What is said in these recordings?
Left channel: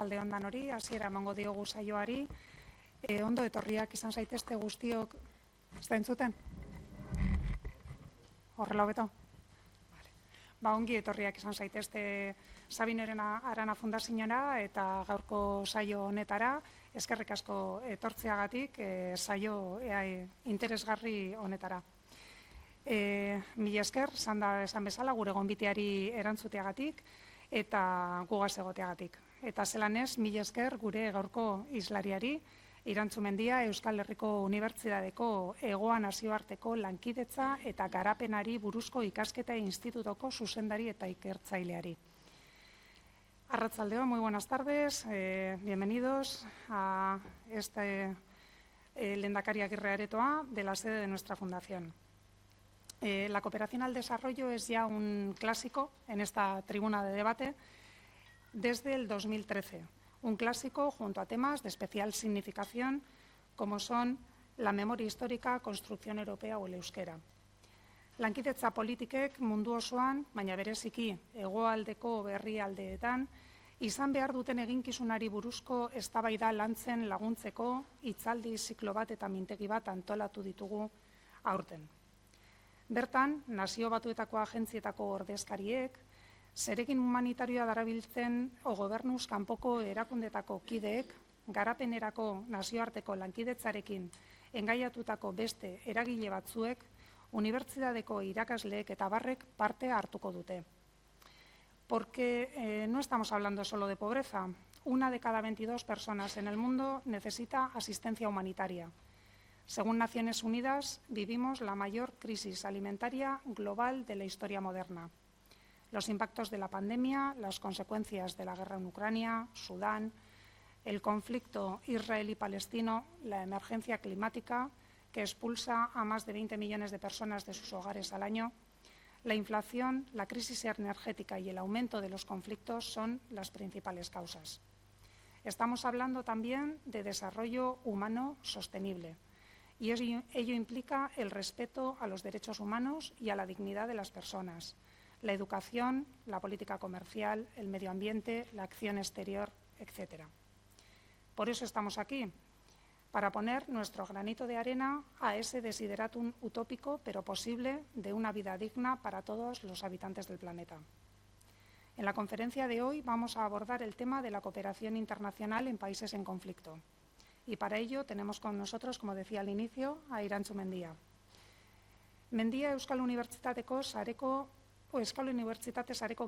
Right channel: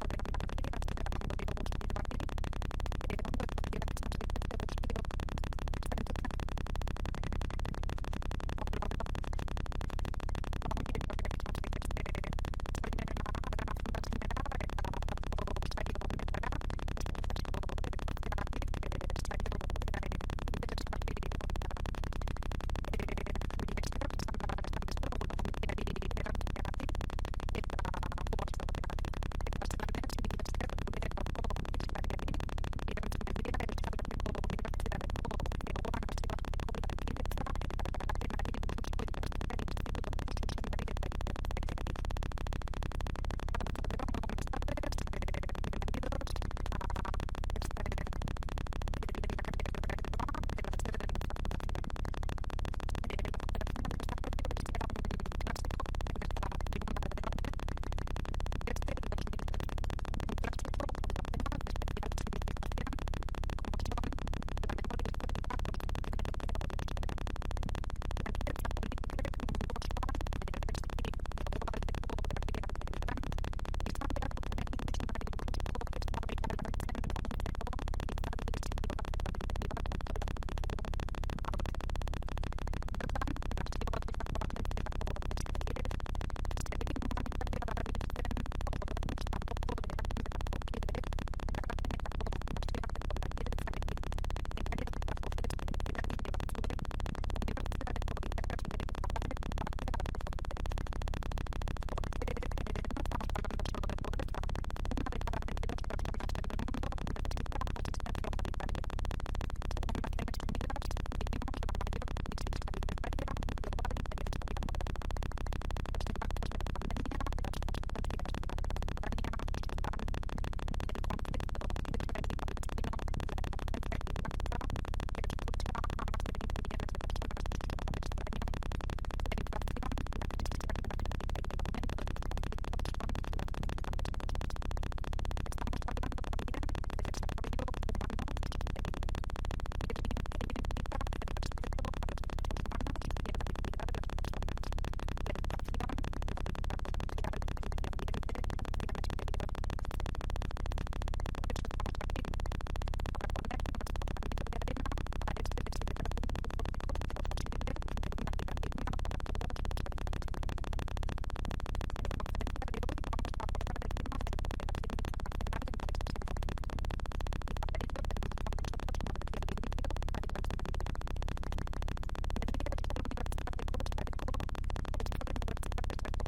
Arratsaldeon danori, hasiera emango diogu saioari. Ondo etorriak izan zaitezte guztiok. Ez da entzuten? Horrela hobeto? Ongi etorriak izan zaitezte Sabineren Arana Fundazioa eta gaurko saio honetara. Eskerrik asko etortzeagatik saio interesgarri honetara. Mila esker, esan bezala, gure gonbiteari erantzuteagatik eta gugaz egoteagatik. Eta zelan ez, mila esker gure gaurko hizlariari, Irantzu Mendia, Euskal Herriko Unibertsitateko Hegoa Nazioarteko Lankidetza eta Garapenari buruzko ikasketa institutoko zuzendari eta ikertzaileari. Arratsaldeon, muy buenas tardes, bienvenidos a este Lehendakari Agirre Aretoa de la sede de nuestra fundación. La cooperación al desarrollo es ya un clásico en esta tribuna de debate desde el 2013. Un clásico junto a temas de especial significación como son la memoria histórica, construcción europea o el euskera. Lankidetza politikek mundu osoan, baina bereziki hegoaldeko herrialdeetan, izan behar duten eginkizunari buruzko eztabaida lantzen laguntzeko hitzaldi ziklo bat eta mintegi bat antolatu ditugu aurten. Bertan, Nazio Batuetako agentzietako ordezkariek, zerekin humanitarioa darabiltzen o gobernuz kanpoko erakundetako kideek, garapenerako nazioarteko lankidetzarekin engaiatutako beste eragile batzuek, unibertsitateko irakasleek eta barrek parte hartuko dute. Porque no estamos hablando solo de pobreza. 1 de cada 22 personas en el mundo necesita asistencia humanitaria. Según Naciones Unidas, vivimos la mayor crisis alimentaria global de la historia moderna. Los impactos de la pandemia, las consecuencias de la guerra en Ucrania, Sudán, el conflicto israelí-palestino, la emergencia climática que expulsa a más de 20 millones de personas de sus hogares al año, la inflación, la crisis energética y el aumento de los conflictos son las principales causas. Estamos hablando también de desarrollo humano sostenible. Y ello implica el respeto a los derechos humanos y a la dignidad de las personas, la educación, la política comercial, el medio ambiente, la acción exterior, etc. Por eso estamos aquí, para poner nuestro granito de arena a ese desideratum utópico pero posible de una vida digna para todos los habitantes del planeta. En la conferencia de hoy vamos a abordar el tema de la cooperación internacional en países en conflicto. Y para ello tenemos con nosotros, como decía al inicio, a Irantzu Mendia. Mendia Euskal Unibertsitateko sareko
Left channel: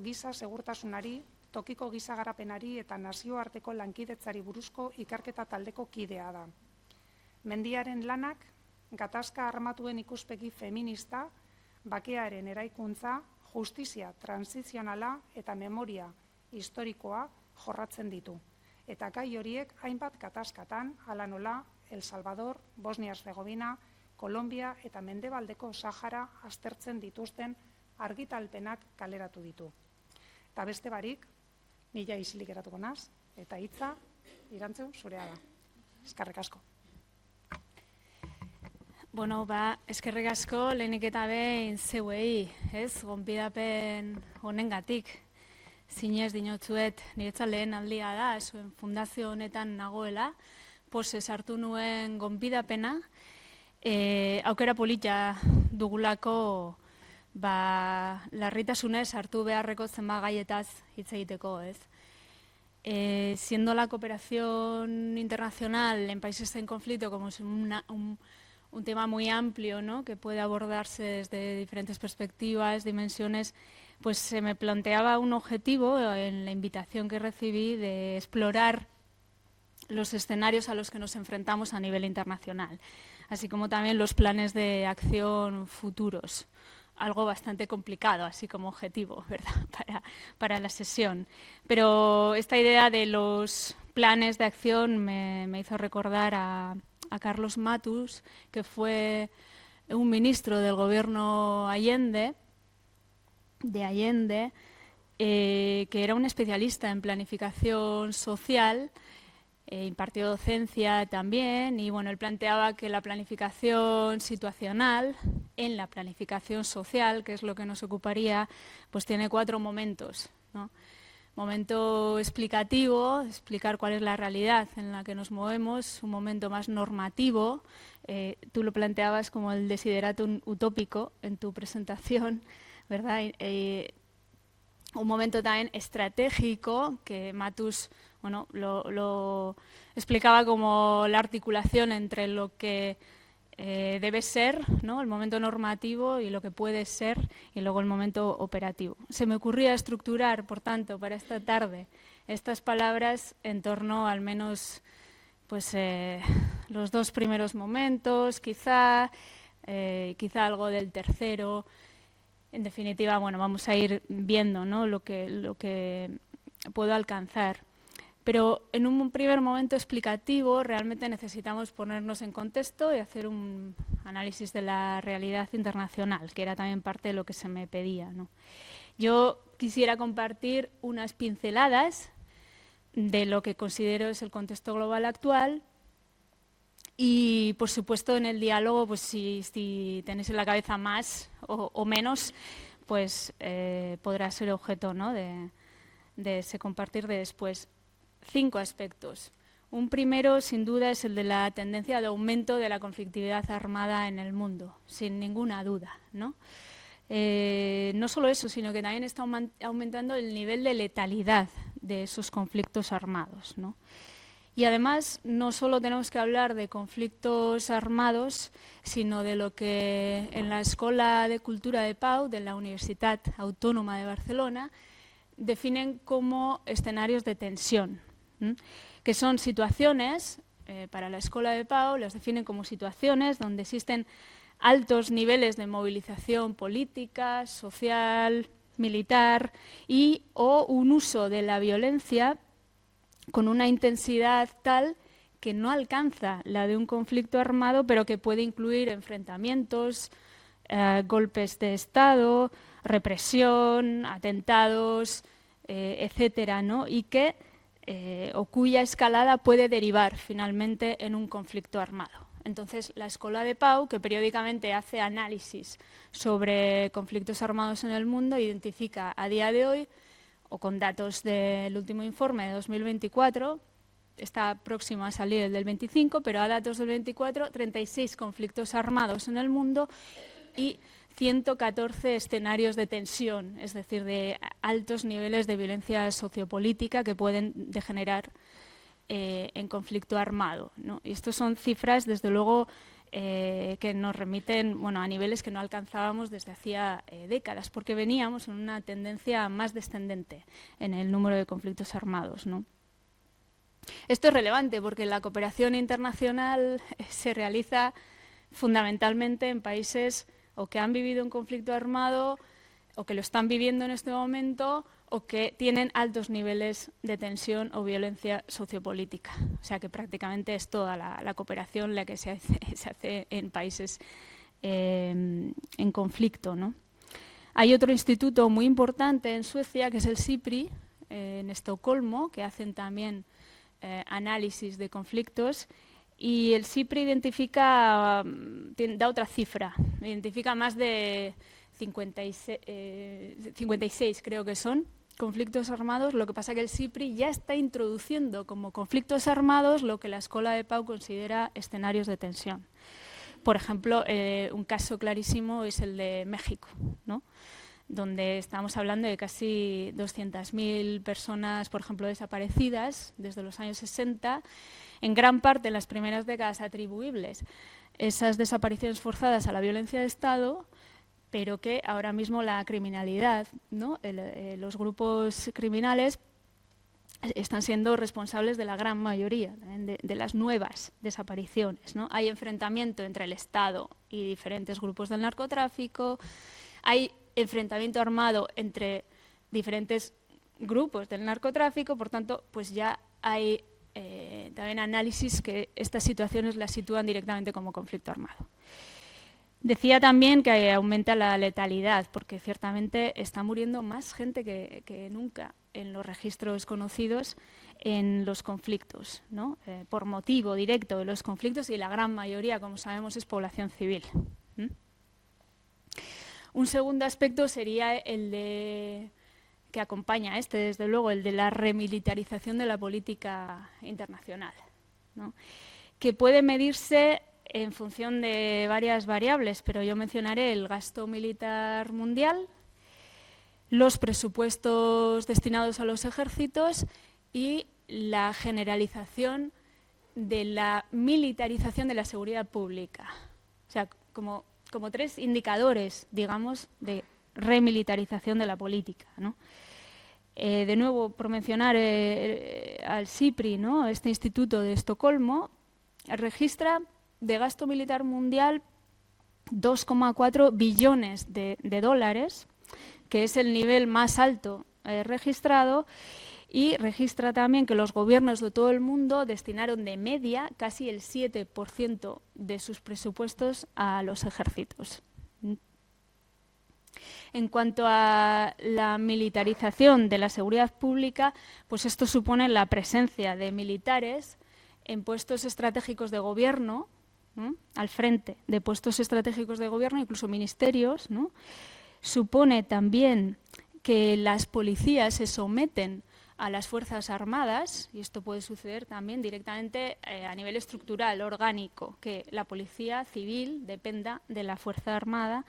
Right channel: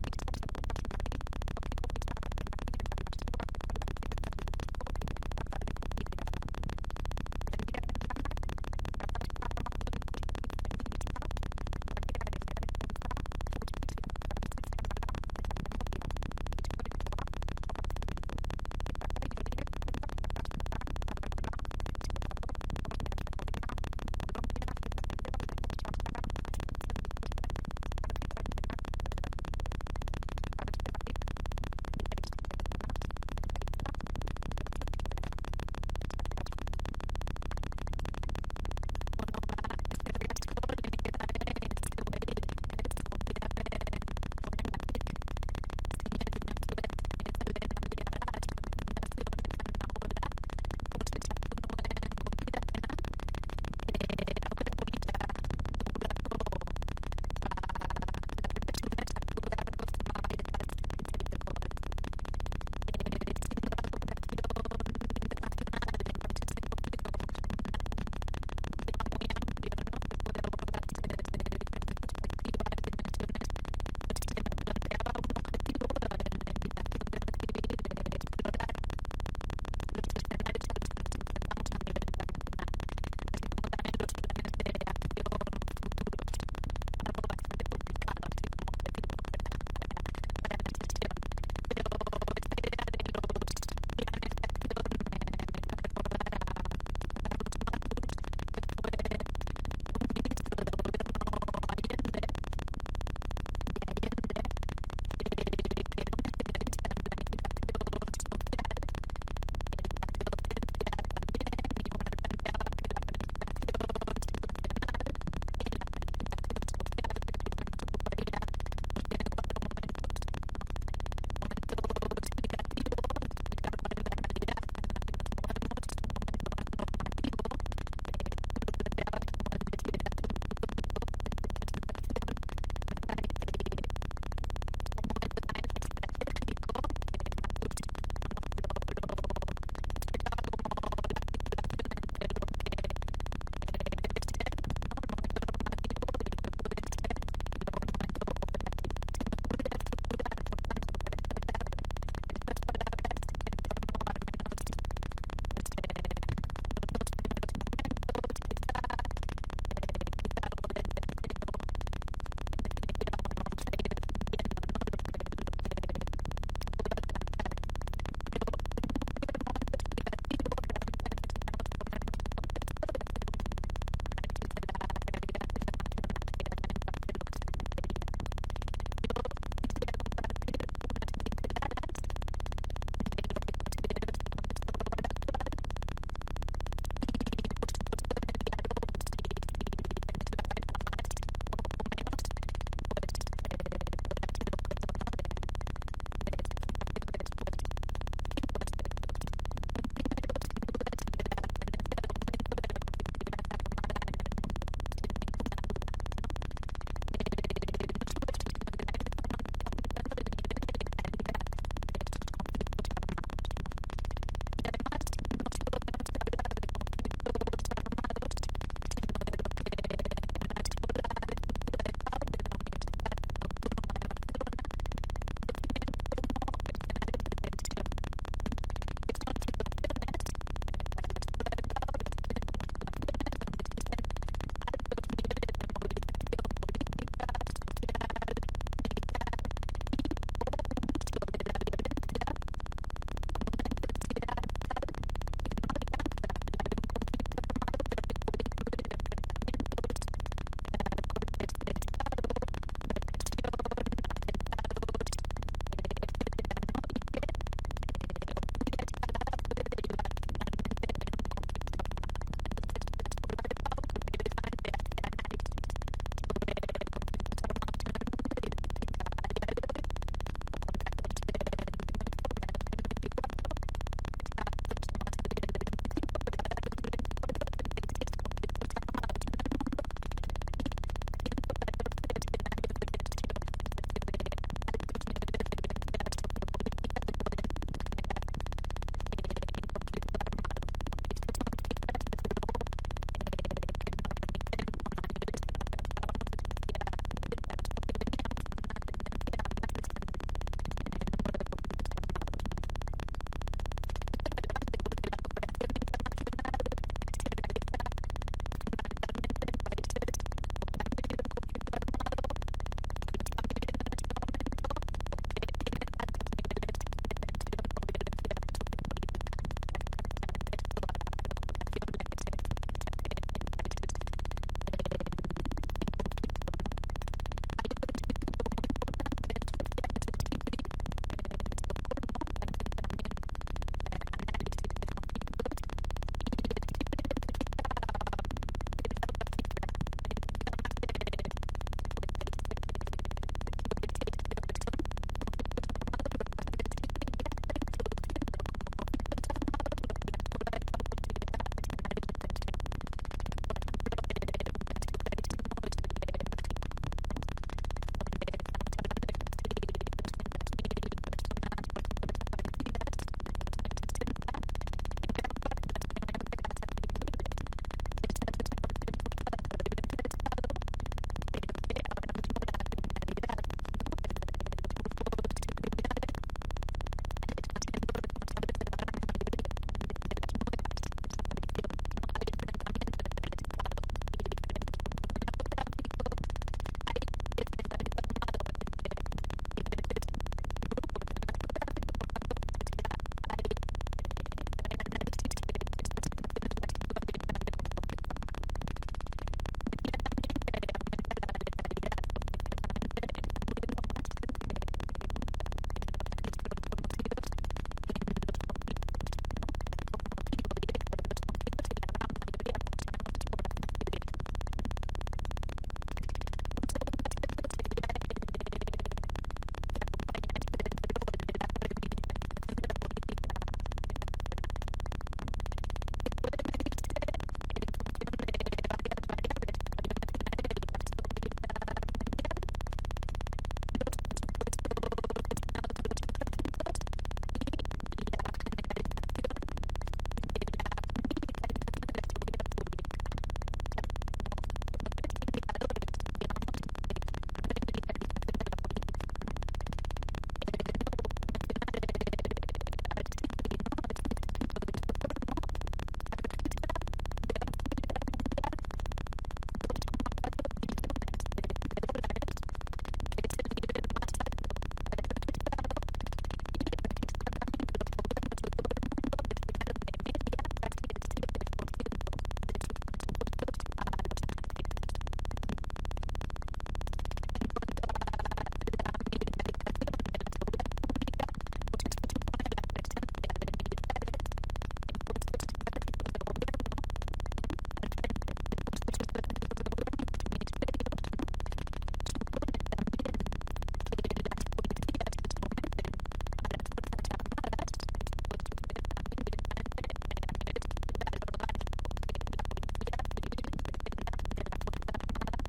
giza segurtasunari, tokiko giza garapenari eta nazioarteko lankidetzari buruzko ikerketa taldeko kidea da. Mendiaren lanak gatazka armatuen ikuspegi feminista, bakearen eraikuntza, justizia transizionala eta memoria historikoa jorratzen ditu. Eta gai horiek hainbat gatazkatan, hala nola, El Salvador, Bosnia-Herzegovina, Kolombia eta Mendebaldeko Sahara aztertzen dituzten argitalpenak kaleratu ditu. Eta beste barik, nila isilik eratuko naz, eta hitza, Irantzu, zurea da. Eskerrik asko. Eskerrik asko lehenik eta behin zeuei, gonbidapen honengatik. Zinez dinotzuet, niretzat lehen aldia da, zuen fundazio honetan nagoela, sartu nuen gonbidapena, aukera polita dugulako larritasunez hartu beharreko zenbat gaietaz hitz egiteko, siendo la cooperación internacional en países en conflicto como es un tema muy amplio, ¿no?, que puede abordarse desde diferentes perspectivas, dimensiones, pues se me planteaba un objetivo en la invitación que recibí de explorar los escenarios a los que nos enfrentamos a nivel internacional, así como también los planes de acción futuros. Algo bastante complicado, así como objetivo, ¿verdad?, para la sesión. Pero esta idea de los planes de acción me hizo recordar a Carlos Matus, que fue un ministro del gobierno Allende, que era un especialista en planificación social, impartió docencia también, y él planteaba que la planificación situacional en la planificación social, que es lo que nos ocuparía, pues tiene 4 momentos, ¿no? momento explicativo, explicar cuál es la realidad en la que nos movemos, un momento más normativo. Tú lo planteabas como el desideratum utópico en tu presentación, ¿verdad? Un momento también estratégico que Matus, bueno, lo explicaba como la articulación entre lo que debe ser, ¿no?, el momento normativo, y lo que puede ser, y luego el momento operativo. Se me ocurría estructurar, por tanto, para esta tarde estas palabras en torno al menos pues los dos primeros momentos, quizá algo del tercero. En definitiva, bueno, vamos a ir viendo, ¿no?, lo que puedo alcanzar. Pero en un primer momento explicativo realmente necesitamos ponernos en contexto y hacer un análisis de la realidad internacional, que era también parte de lo que se me pedía, ¿no? Yo quisiera compartir unas pinceladas de lo que considero es el contexto global actual y, por supuesto, en el diálogo, pues si tenéis en la cabeza más o menos, pues podrá ser objeto, ¿no?, de ese compartir de después. 5 aspectos. Un primero, sin duda, es el de la tendencia de aumento de la conflictividad armada en el mundo, sin ninguna duda, ¿no? No solo eso, sino que también está aumentando el nivel de letalidad de esos conflictos armados, ¿no? Y además, no solo tenemos que hablar de conflictos armados, sino de lo que en la Escuela de Cultura de Pau de la Universitat Autónoma de Barcelona definen como escenarios de tensión, que son situaciones, para la Escuela de Pau las definen como situaciones donde existen altos niveles de movilización política, social, militar o un uso de la violencia con una intensidad tal que no alcanza la de un conflicto armado, pero que puede incluir enfrentamientos, golpes de Estado, represión, atentados, etcétera, ¿no? Y que o cuya escalada puede derivar finalmente en un conflicto armado. Entonces, la Escuela de Pau, que periódicamente hace análisis sobre conflictos armados en el mundo, identifica a día de hoy, o con datos del último informe de 2024, está próximo a salir el del 25, pero a datos del 24, 36 conflictos armados en el mundo y 114 escenarios de tensión, es decir, de altos niveles de violencia sociopolítica que pueden degenerar en conflicto armado, ¿no? Y estos son cifras, desde luego, que nos remiten, bueno, a niveles que no alcanzábamos desde hacía décadas, porque veníamos en una tendencia más descendente en el número de conflictos armados, ¿no? Esto es relevante porque la cooperación internacional se realiza fundamentalmente en países o que han vivido un conflicto armado o que lo están viviendo en este momento o que tienen altos niveles de tensión o violencia sociopolítica. O sea que prácticamente es toda la cooperación la que se hace en países en conflicto, ¿no? Hay otro instituto muy importante en Suecia, que es el SIPRI, en Estocolmo, que hacen también análisis de conflictos, y el SIPRI identifica, da otra cifra, identifica más de 56 creo que son conflictos armados. Lo que pasa es que el SIPRI ya está introduciendo como conflictos armados lo que la Escuela de Pau considera escenarios de tensión. Por ejemplo, un caso clarísimo es el de México, ¿no?, donde estamos hablando de casi 200.000 personas, por ejemplo, desaparecidas desde los años 60, en gran parte en las primeras décadas atribuibles esas desapariciones forzadas a la violencia de Estado, pero que ahora mismo la criminalidad, ¿no?, los grupos criminales están siendo responsables de la gran mayoría de las nuevas desapariciones, ¿no? Hay enfrentamiento entre el Estado y diferentes grupos del narcotráfico, hay enfrentamiento armado entre diferentes grupos del narcotráfico, por tanto, pues ya hay también análisis que estas situaciones las sitúan directamente como conflicto armado. Decía también que aumenta la letalidad, porque ciertamente está muriendo más gente que nunca en los registros conocidos en los conflictos, ¿no? Por motivo directo de los conflictos, y la gran mayoría, como sabemos, es población civil. Un segundo aspecto sería el de que acompaña a este, desde luego, el de la remilitarización de la política internacional, ¿no? Que puede medirse en función de varias variables, pero yo mencionaré el gasto militar mundial, los presupuestos destinados a los ejércitos y la generalización de la militarización de la seguridad pública. O sea, como tres indicadores, digamos, de remilitarización de la política, ¿no? De nuevo, por mencionar al SIPRI, ¿no? Este instituto de Estocolmo registra de gasto militar mundial 2,4 billones de dólares, que es el nivel más alto registrado, y registra también que los gobiernos de todo el mundo destinaron de media casi el 7% de sus presupuestos a los ejércitos. En cuanto a la militarización de la seguridad pública, pues esto supone la presencia de militares en puestos estratégicos de gobierno, ¿no? Al frente de puestos estratégicos de gobierno, incluso ministerios, ¿no? Supone también que las policías se someten a las Fuerzas Armadas, y esto puede suceder también directamente a nivel estructural, orgánico, que la policía civil dependa de la Fuerza Armada,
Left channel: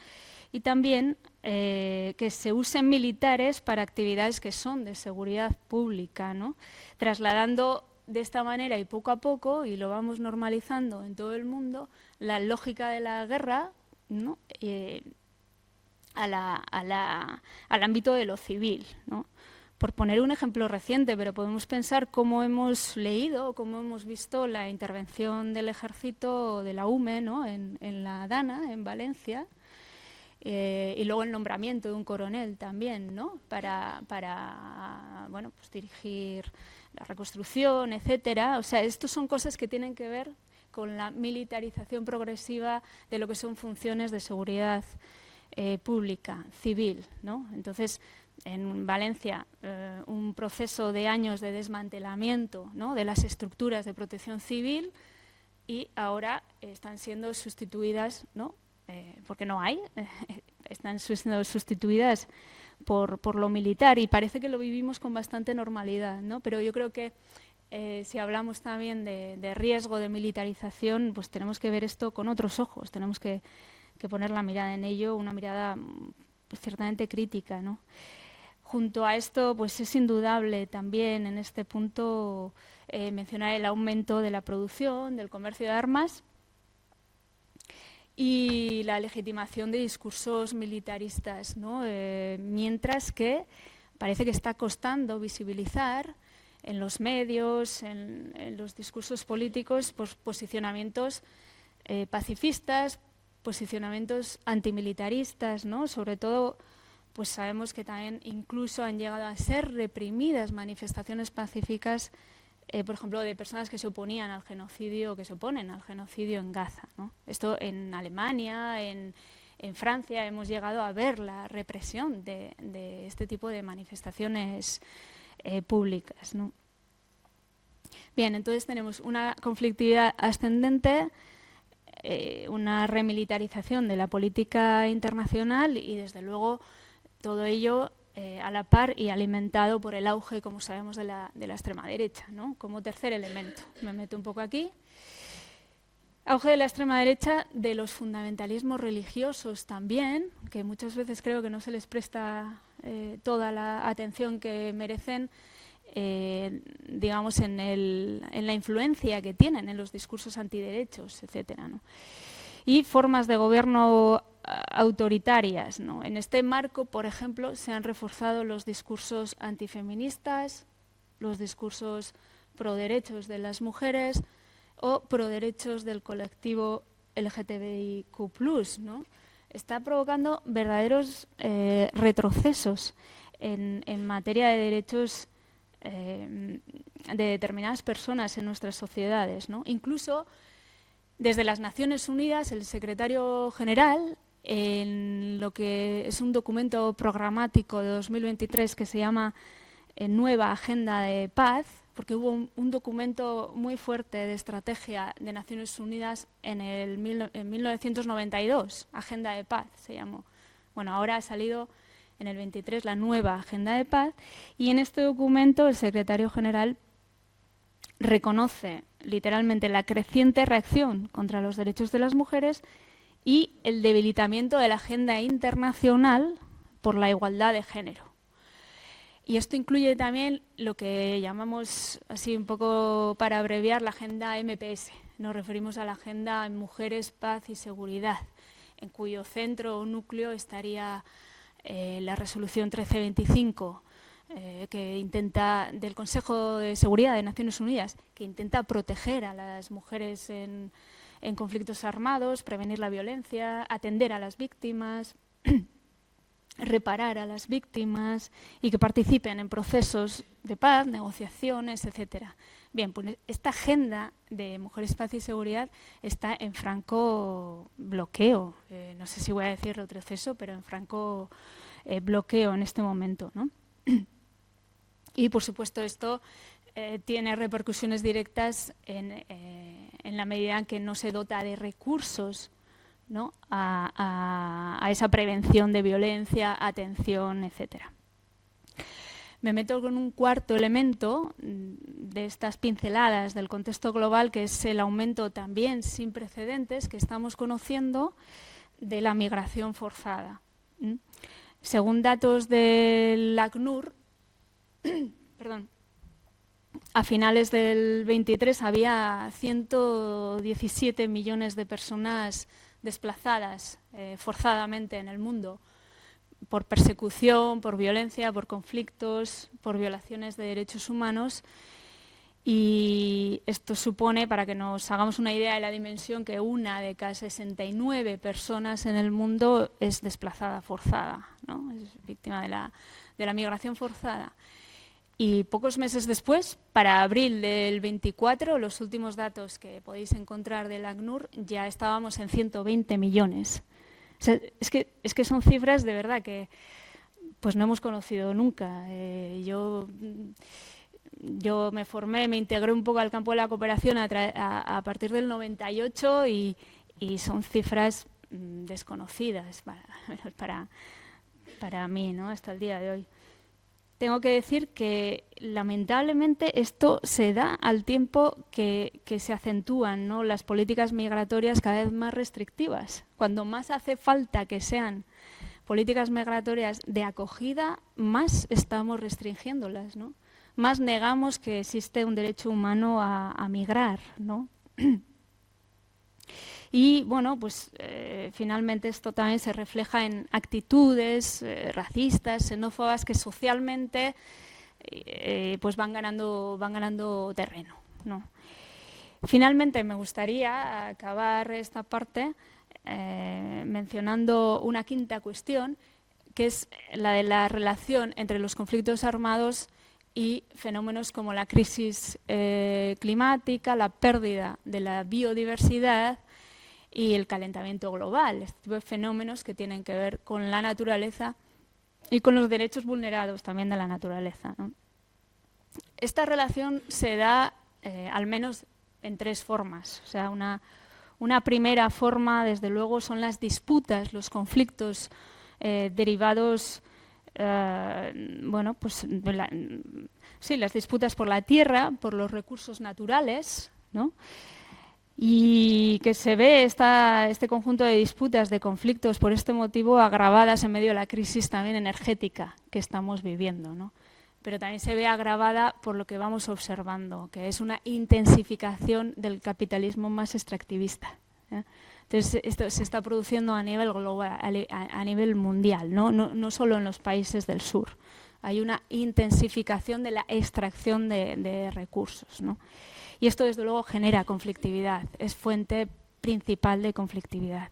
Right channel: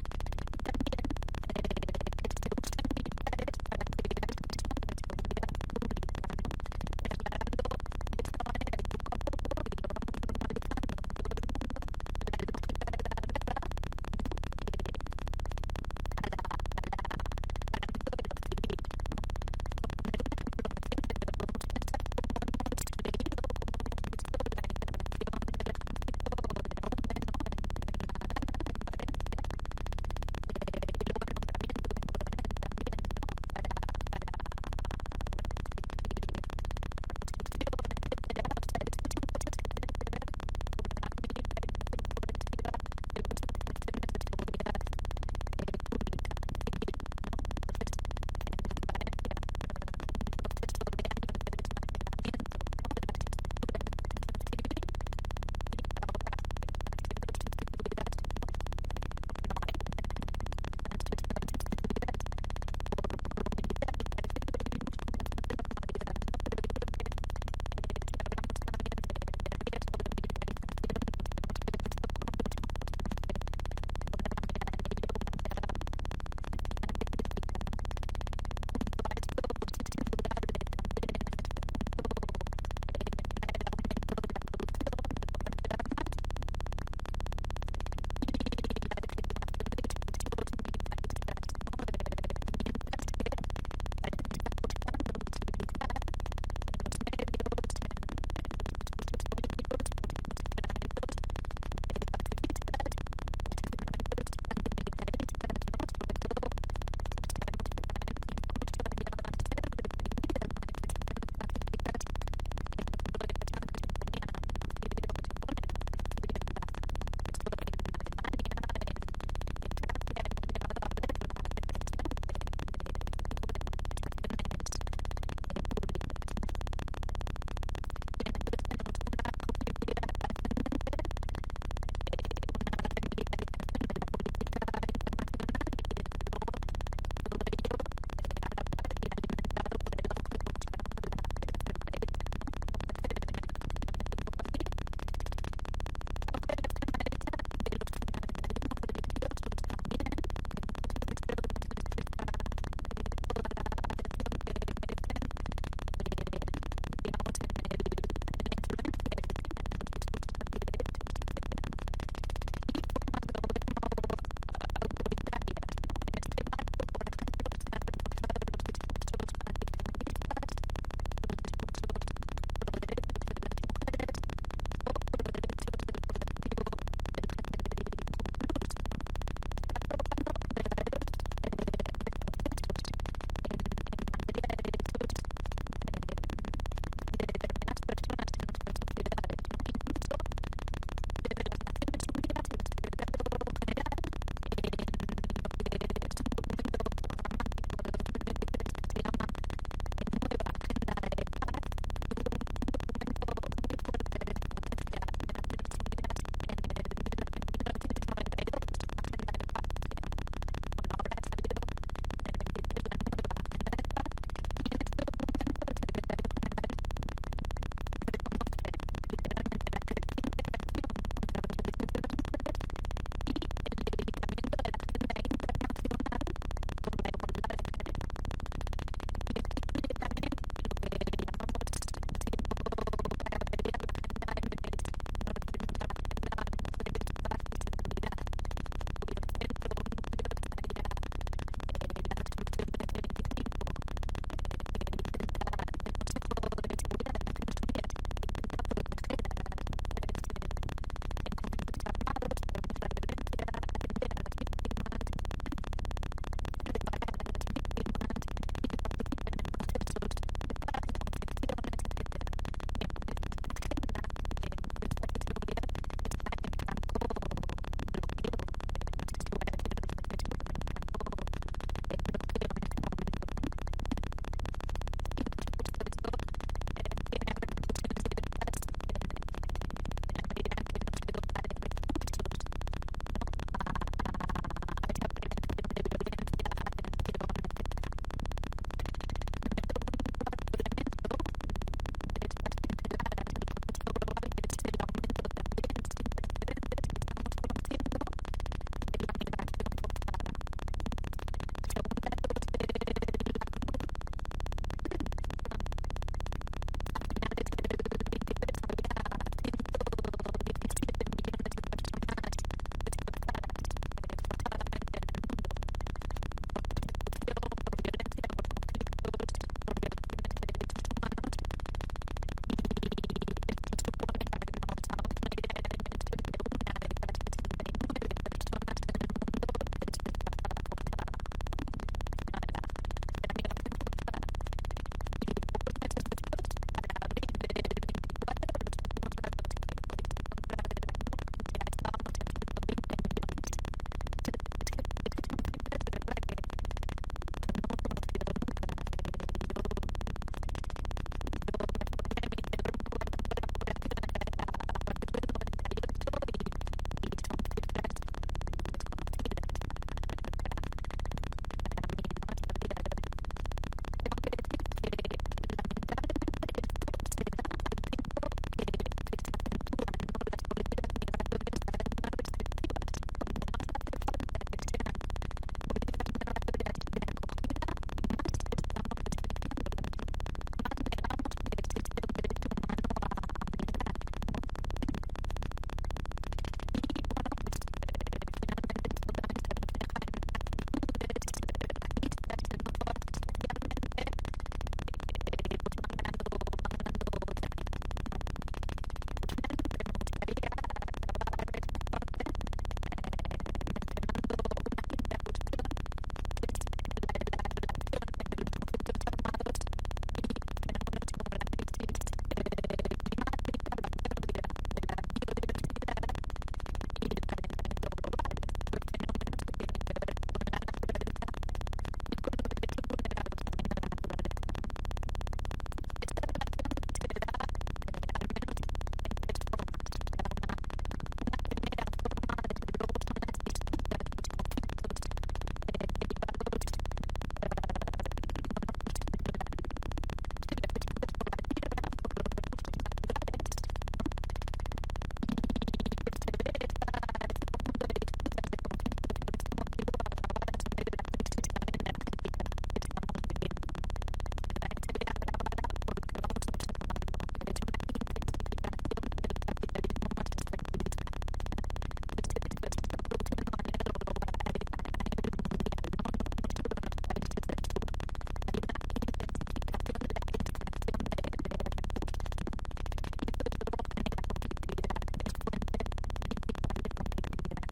y también que se usen militares para actividades que son de seguridad pública, ¿no? Trasladando de esta manera y poco a poco, y lo vamos normalizando en todo el mundo, la lógica de la guerra, ¿no? Al ámbito de lo civil, ¿no? Por poner un ejemplo reciente, pero podemos pensar cómo hemos leído, cómo hemos visto la intervención del ejército de la UME, ¿no? en la Dana, en Valencia, y luego el nombramiento de un coronel también, ¿no? para bueno, pues dirigir la reconstrucción, etcétera. O sea, estos son cosas que tienen que ver con la militarización progresiva de lo que son funciones de seguridad pública, civil, ¿no? Entonces, en Valencia, un proceso de años de desmantelamiento, ¿no? de las estructuras de protección civil, y ahora están siendo sustituidas, ¿no? Porque no hay, están siendo sustituidas por lo militar, y parece que lo vivimos con bastante normalidad, ¿no? Pero yo creo que si hablamos también de riesgo de militarización, pues tenemos que ver esto con otros ojos, tenemos que poner la mirada en ello, una mirada ciertamente crítica, ¿no? Junto a esto, pues es indudable también en este punto mencionar el aumento de la producción, del comercio de armas y la legitimación de discursos militaristas, ¿no? Mientras que parece que está costando visibilizar en los medios, en los discursos políticos, pues, posicionamientos pacifistas, posicionamientos antimilitaristas, ¿no? Sobre todo, pues sabemos que también incluso han llegado a ser reprimidas manifestaciones pacíficas, por ejemplo, de personas que se oponían al genocidio, que se oponen al genocidio en Gaza, ¿no? Esto en Alemania, en Francia, hemos llegado a ver la represión de este tipo de manifestaciones públicas, ¿no? Bien, entonces tenemos una conflictividad ascendente, una remilitarización de la política internacional, y desde luego todo ello a la par y alimentado por el auge, como sabemos, de la extrema derecha, ¿no? Como tercer elemento, me meto un poco aquí. Auge de la extrema derecha, de los fundamentalismos religiosos también, que muchas veces creo que no se les presta toda la atención que merecen, digamos, en la influencia que tienen en los discursos antiderechos, etcétera, ¿no? Y formas de gobierno autoritarias, ¿no? En este marco, por ejemplo, se han reforzado los discursos antifeministas, los discursos pro derechos de las mujeres o pro derechos del colectivo LGTBIQ+, ¿no? Está provocando verdaderos retrocesos en materia de derechos de determinadas personas en nuestras sociedades, ¿no? Incluso desde las Naciones Unidas, el secretario general, en lo que es un documento programático de 2023 que se llama Nueva Agenda de Paz, porque hubo un documento muy fuerte de estrategia de Naciones Unidas en 1992, Agenda de Paz se llamó. Bueno, ahora ha salido en el 23 la nueva Agenda de Paz, y en este documento el secretario general reconoce literalmente la creciente reacción contra los derechos de las mujeres y el debilitamiento de la agenda internacional por la igualdad de género. Y esto incluye también lo que llamamos, así un poco para abreviar, la agenda MPS. Nos referimos a la agenda Mujeres, Paz y Seguridad, en cuyo centro o núcleo estaría la resolución 1325 que intenta, del Consejo de Seguridad de Naciones Unidas, que intenta proteger a las mujeres en conflictos armados, prevenir la violencia, atender a las víctimas, reparar a las víctimas y que participen en procesos de paz, negociaciones, etc. Bien, pues esta agenda de Mujeres, Paz y Seguridad está en franco bloqueo, no sé si voy a decir retroceso, pero en franco bloqueo en este momento, ¿no? Y por supuesto esto tiene repercusiones directas en la medida en que no se dota de recursos, ¿no?, a esa prevención de violencia, atención, etc. Me meto con un cuarto elemento de estas pinceladas del contexto global, que es el aumento también sin precedentes que estamos conociendo de la migración forzada. Según datos del ACNUR, a finales del 23 había 117 millones de personas desplazadas forzadamente en el mundo por persecución, por violencia, por conflictos, por violaciones de derechos humanos. Y esto supone, para que nos hagamos una idea de la dimensión, que una de cada 69 personas en el mundo es desplazada forzada, ¿no? Es víctima de la migración forzada. Y pocos meses después, para abril del 24, los últimos datos que podéis encontrar del ACNUR, ya estábamos en 120 millones. O sea, es que son cifras de verdad que pues no hemos conocido nunca. Yo me formé, me integré un poco al campo de la cooperación a partir del 98 y son cifras desconocidas para mí, ¿no?, hasta el día de hoy. Tengo que decir que lamentablemente esto se da al tiempo que se acentúan, ¿no?, las políticas migratorias cada vez más restrictivas. Cuando más hace falta que sean políticas migratorias de acogida, más estamos restringiéndolas, ¿no? Más negamos que existe un derecho humano a migrar, ¿no? Y bueno, pues finalmente esto también se refleja en actitudes racistas, xenófobas, que socialmente pues van ganando terreno, ¿no? Finalmente me gustaría acabar esta parte mencionando una quinta cuestión, que es la de la relación entre los conflictos armados y fenómenos como la crisis climática, la pérdida de la biodiversidad y el calentamiento global, este tipo de fenómenos que tienen que ver con la naturaleza y con los derechos vulnerados también de la naturaleza, ¿no? Esta relación se da al menos en tres formas. O sea, una primera forma, desde luego, son las disputas, los conflictos derivados, pues las disputas por la tierra, por los recursos naturales, ¿no? Y que se ve este conjunto de disputas, de conflictos por este motivo, agravadas en medio de la crisis también energética que estamos viviendo, ¿no? Pero también se ve agravada por lo que vamos observando, que es una intensificación del capitalismo más extractivista, ¿eh? Entonces esto se está produciendo a nivel global, a nivel mundial, no solo en los países del sur. Hay una intensificación de la extracción de recursos, ¿no? Y esto desde luego genera conflictividad, es fuente principal de conflictividad.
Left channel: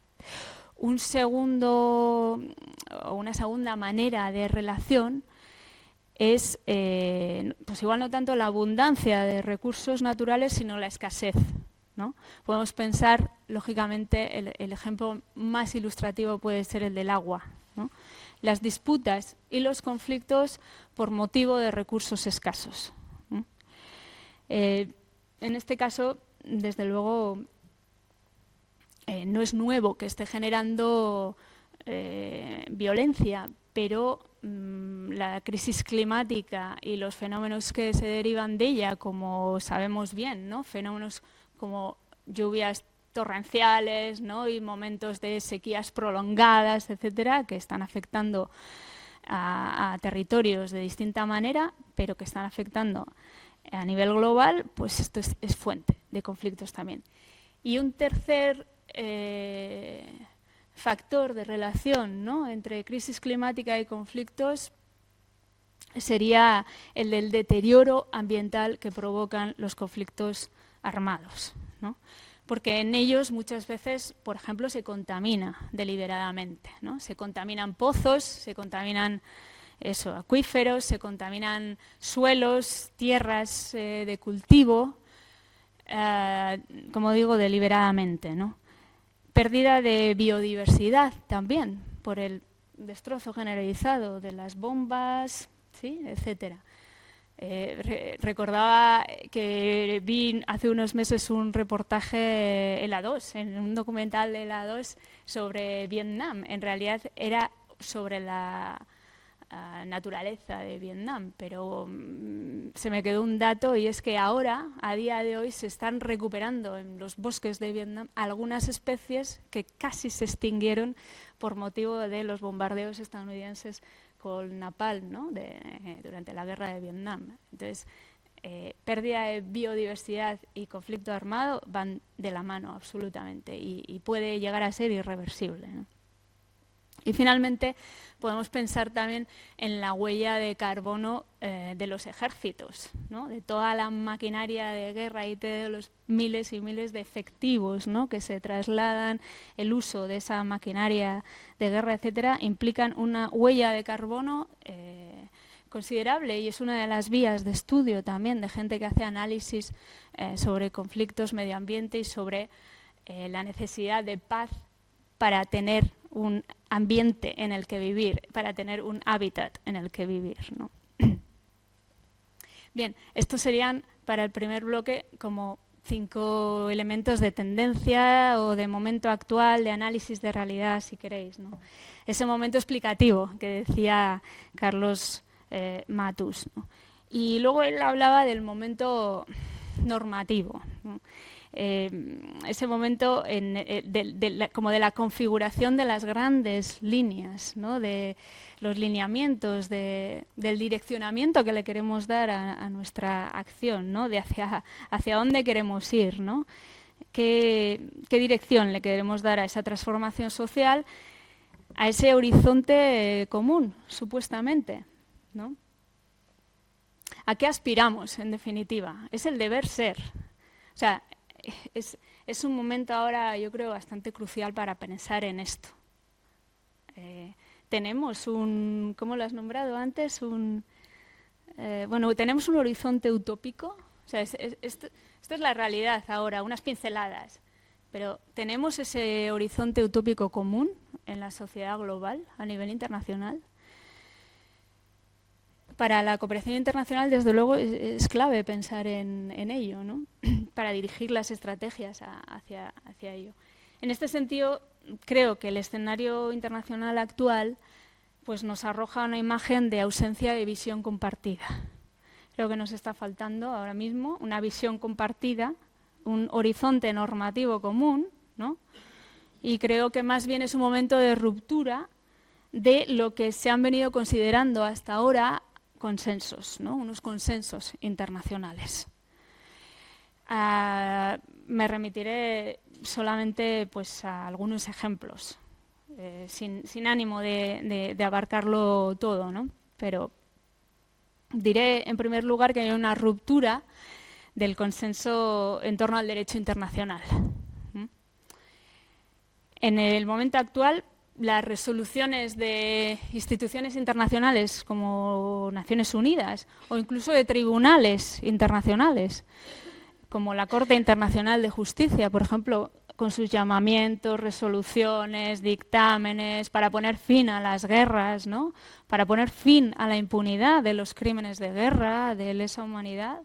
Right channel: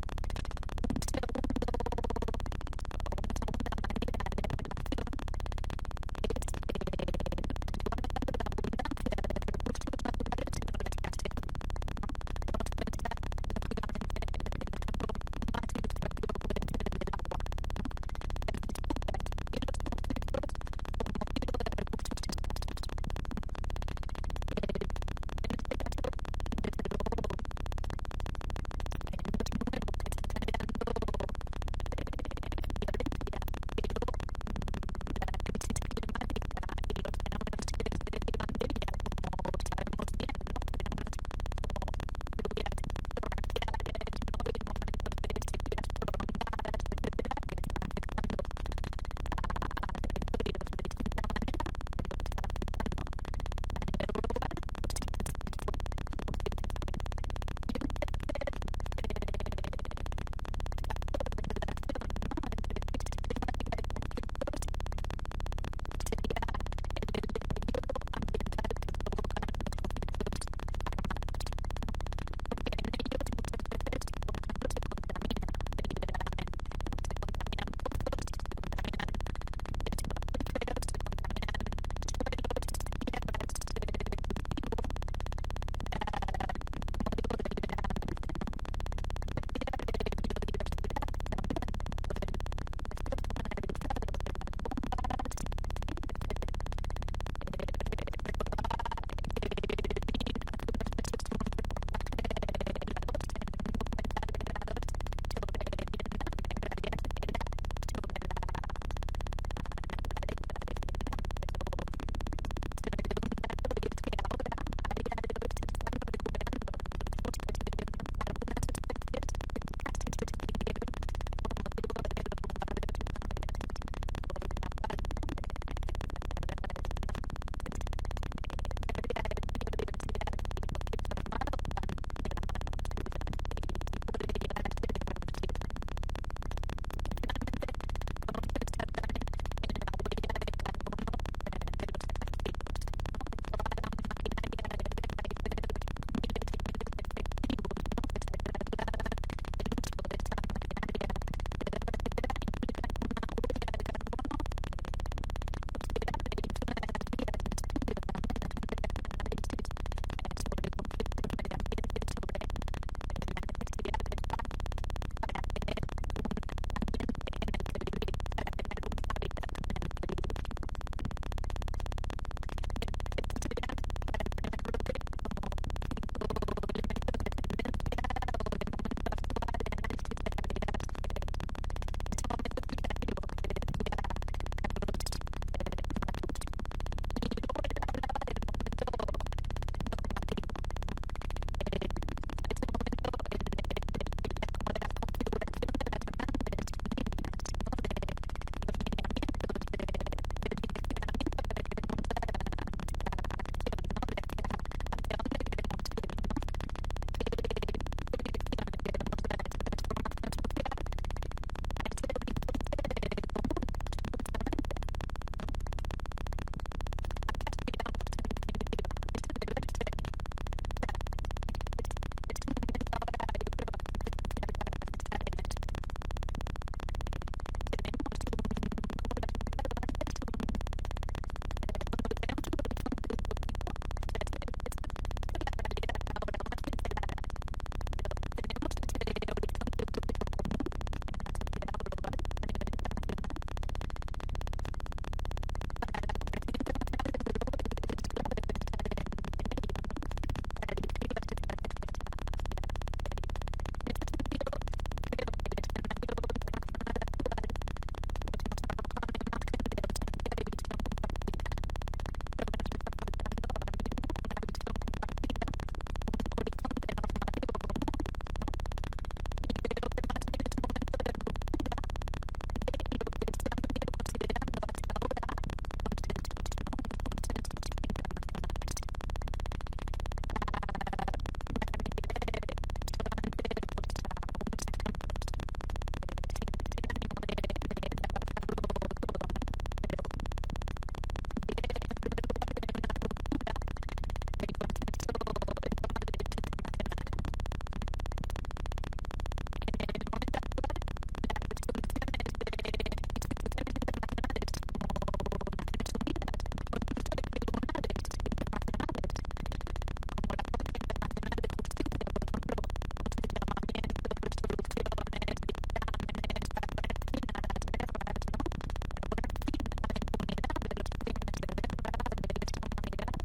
Una segunda manera de relación es, pues igual no tanto la abundancia de recursos naturales, sino la escasez, ¿no? Podemos pensar, lógicamente, el ejemplo más ilustrativo puede ser el del agua, ¿no? Las disputas y los conflictos por motivo de recursos escasos, ¿no? En este caso, desde luego, no es nuevo que esté generando violencia, pero la crisis climática y los fenómenos que se derivan de ella, como sabemos bien, ¿no? Fenómenos como lluvias torrenciales, ¿no? Y momentos de sequías prolongadas, etcétera, que están afectando a territorios de distinta manera, pero que están afectando a nivel global, pues esto es fuente de conflictos también. Y un tercer factor de relación, ¿no? Entre crisis climática y conflictos sería el del deterioro ambiental que provocan los conflictos armados, ¿no? Porque en ellos muchas veces, por ejemplo, se contamina deliberadamente, ¿no? Se contaminan pozos, se contaminan acuíferos, se contaminan suelos, tierras de cultivo, como digo, deliberadamente, ¿no? Pérdida de biodiversidad también por el destrozo generalizado de las bombas, ¿sí? Etcétera. Recordaba que vi hace unos meses un reportaje en la 2, en un documental de la 2 sobre Vietnam. En realidad era sobre la naturaleza de Vietnam, pero se me quedó un dato, y es que ahora, a día de hoy, se están recuperando en los bosques de Vietnam algunas especies que casi se extinguieron por motivo de los bombardeos estadounidenses con napalm, ¿no? Durante la guerra de Vietnam. Entonces, pérdida de biodiversidad y conflicto armado van de la mano absolutamente, y puede llegar a ser irreversible, ¿no? Y finalmente podemos pensar también en la huella de carbono de los ejércitos, ¿no? De toda la maquinaria de guerra y de los miles y miles de efectivos, ¿no? Que se trasladan, el uso de esa maquinaria de guerra, etcétera, implican una huella de carbono considerable, y es una de las vías de estudio también de gente que hace análisis sobre conflictos, medio ambiente y sobre la necesidad de paz para tener un ambiente en el que vivir, para tener un hábitat en el que vivir, ¿no? Bien, estos serían para el primer bloque como 5 elementos de tendencia o de momento actual, de análisis de realidad, si queréis, ¿no? Ese momento explicativo que decía Carlos Matus, ¿no? Y luego él hablaba del momento normativo, ¿no? Ese momento como de la configuración de las grandes líneas, ¿no? De los lineamientos, del direccionamiento que le queremos dar a nuestra acción, ¿no? De hacia dónde queremos ir, ¿no? ¿Qué dirección le queremos dar a esa transformación social, a ese horizonte común, supuestamente, ¿no? ¿A qué aspiramos, en definitiva? Es el deber ser. O sea, es un momento ahora, yo creo, bastante crucial para pensar en esto. Tenemos ¿cómo lo has nombrado antes? Tenemos un horizonte utópico. O sea, esto es la realidad ahora, unas pinceladas. Pero tenemos ese horizonte utópico común en la sociedad global, a nivel internacional. Para la cooperación internacional, desde luego, es clave pensar en ello, ¿no? Para dirigir las estrategias hacia ello. En este sentido, creo que el escenario internacional actual pues nos arroja una imagen de ausencia de visión compartida. Creo que nos está faltando ahora mismo una visión compartida, un horizonte normativo común, ¿no? Y creo que más bien es un momento de ruptura de lo que se han venido considerando hasta ahora consensos, ¿no? Unos consensos internacionales. Me remitiré solamente pues a algunos ejemplos, sin ánimo de abarcarlo todo, ¿no? Pero diré en primer lugar que hay una ruptura del consenso en torno al derecho internacional. En el momento actual, las resoluciones de instituciones internacionales como Naciones Unidas o incluso de tribunales internacionales como la Corte Internacional de Justicia, por ejemplo, con sus llamamientos, resoluciones, dictámenes para poner fin a las guerras, ¿no? Para poner fin a la impunidad de los crímenes de guerra, de lesa humanidad,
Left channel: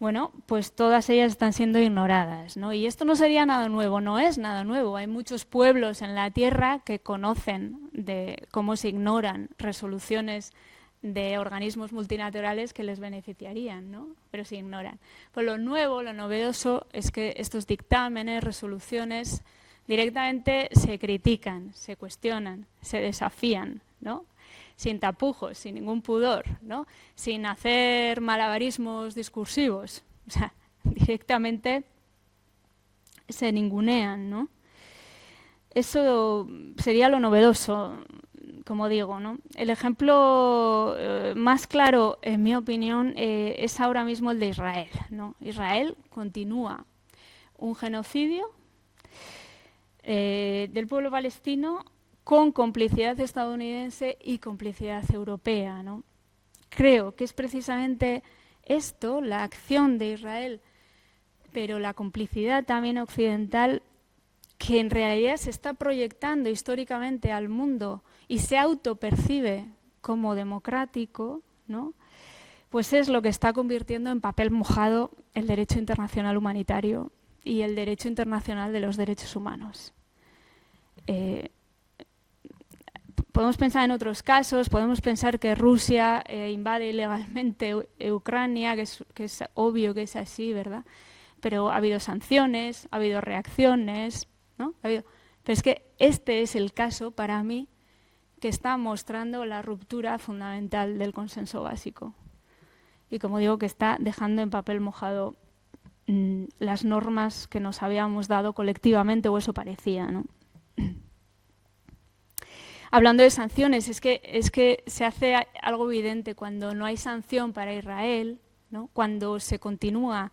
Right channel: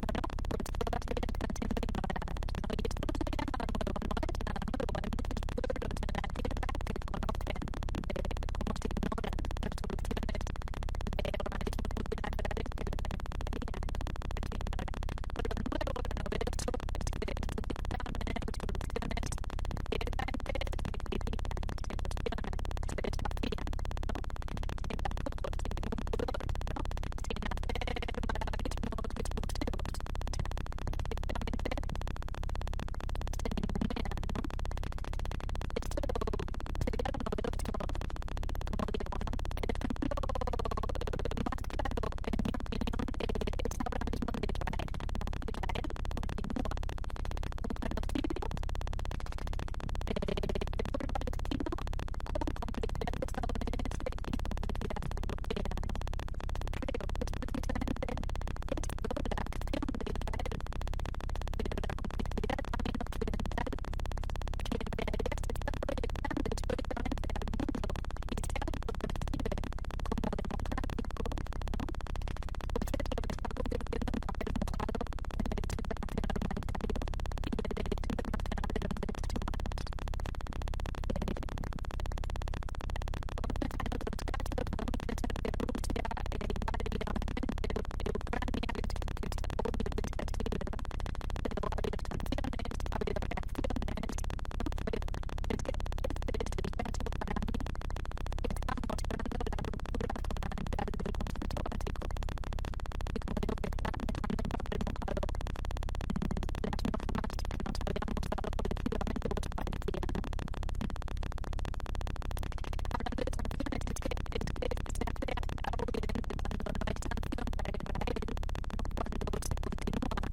bueno, pues todas ellas están siendo ignoradas, ¿no? Y esto no sería nada nuevo, no es nada nuevo. Hay muchos pueblos en la Tierra que conocen de cómo se ignoran resoluciones de organismos multilaterales que les beneficiarían, ¿no? Pero se ignoran. Pues lo nuevo, lo novedoso es que estos dictámenes, resoluciones, directamente se critican, se cuestionan, se desafían, ¿no? Sin tapujos, sin ningún pudor, ¿no? Sin hacer malabarismos discursivos, o sea, directamente se ningunean, ¿no? Eso sería lo novedoso, como digo, ¿no? El ejemplo más claro, en mi opinión, es ahora mismo el de Israel, ¿no? Israel continúa un genocidio del pueblo palestino con complicidad estadounidense y complicidad europea, ¿no? Creo que es precisamente esto, la acción de Israel, pero la complicidad también occidental, que en realidad se está proyectando históricamente al mundo y se autopercibe como democrático, ¿no? Pues es lo que está convirtiendo en papel mojado el derecho internacional humanitario y el derecho internacional de los derechos humanos. Podemos pensar en otros casos, podemos pensar que Rusia invade ilegalmente Ucrania, que es obvio que es así, ¿verdad? Pero ha habido sanciones, ha habido reacciones, ¿no? Pero es que este es el caso, para mí, que está mostrando la ruptura fundamental del consenso básico. Y como digo, que está dejando en papel mojado las normas que nos habíamos dado colectivamente, o eso parecía, ¿no? Hablando de sanciones, es que se hace algo evidente cuando no hay sanción para Israel, ¿no? Cuando se continúa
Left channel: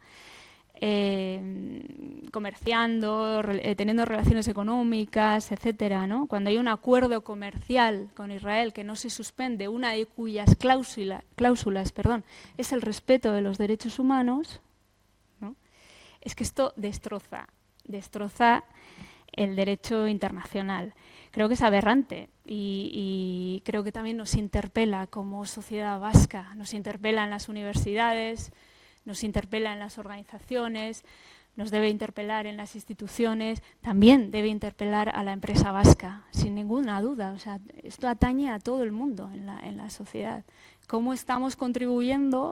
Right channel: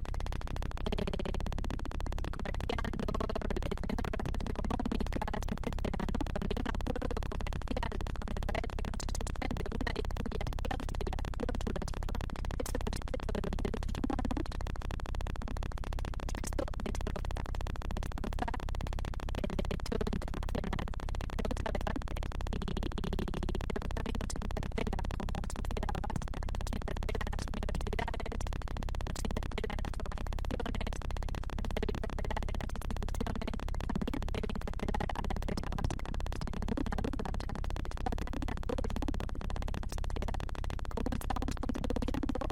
comerciando, teniendo relaciones económicas, etcétera, ¿no? Cuando hay un acuerdo comercial con Israel que no se suspende, una de cuyas cláusulas, es el respeto de los derechos humanos, ¿no? Es que esto destroza el derecho internacional. Creo que es aberrante y creo que también nos interpela como sociedad vasca, nos interpela en las universidades, nos interpela en las organizaciones, nos debe interpelar en las instituciones, también debe interpelar a la empresa vasca, sin ninguna duda. O sea, esto atañe a todo el mundo en la sociedad. ¿Cómo estamos contribuyendo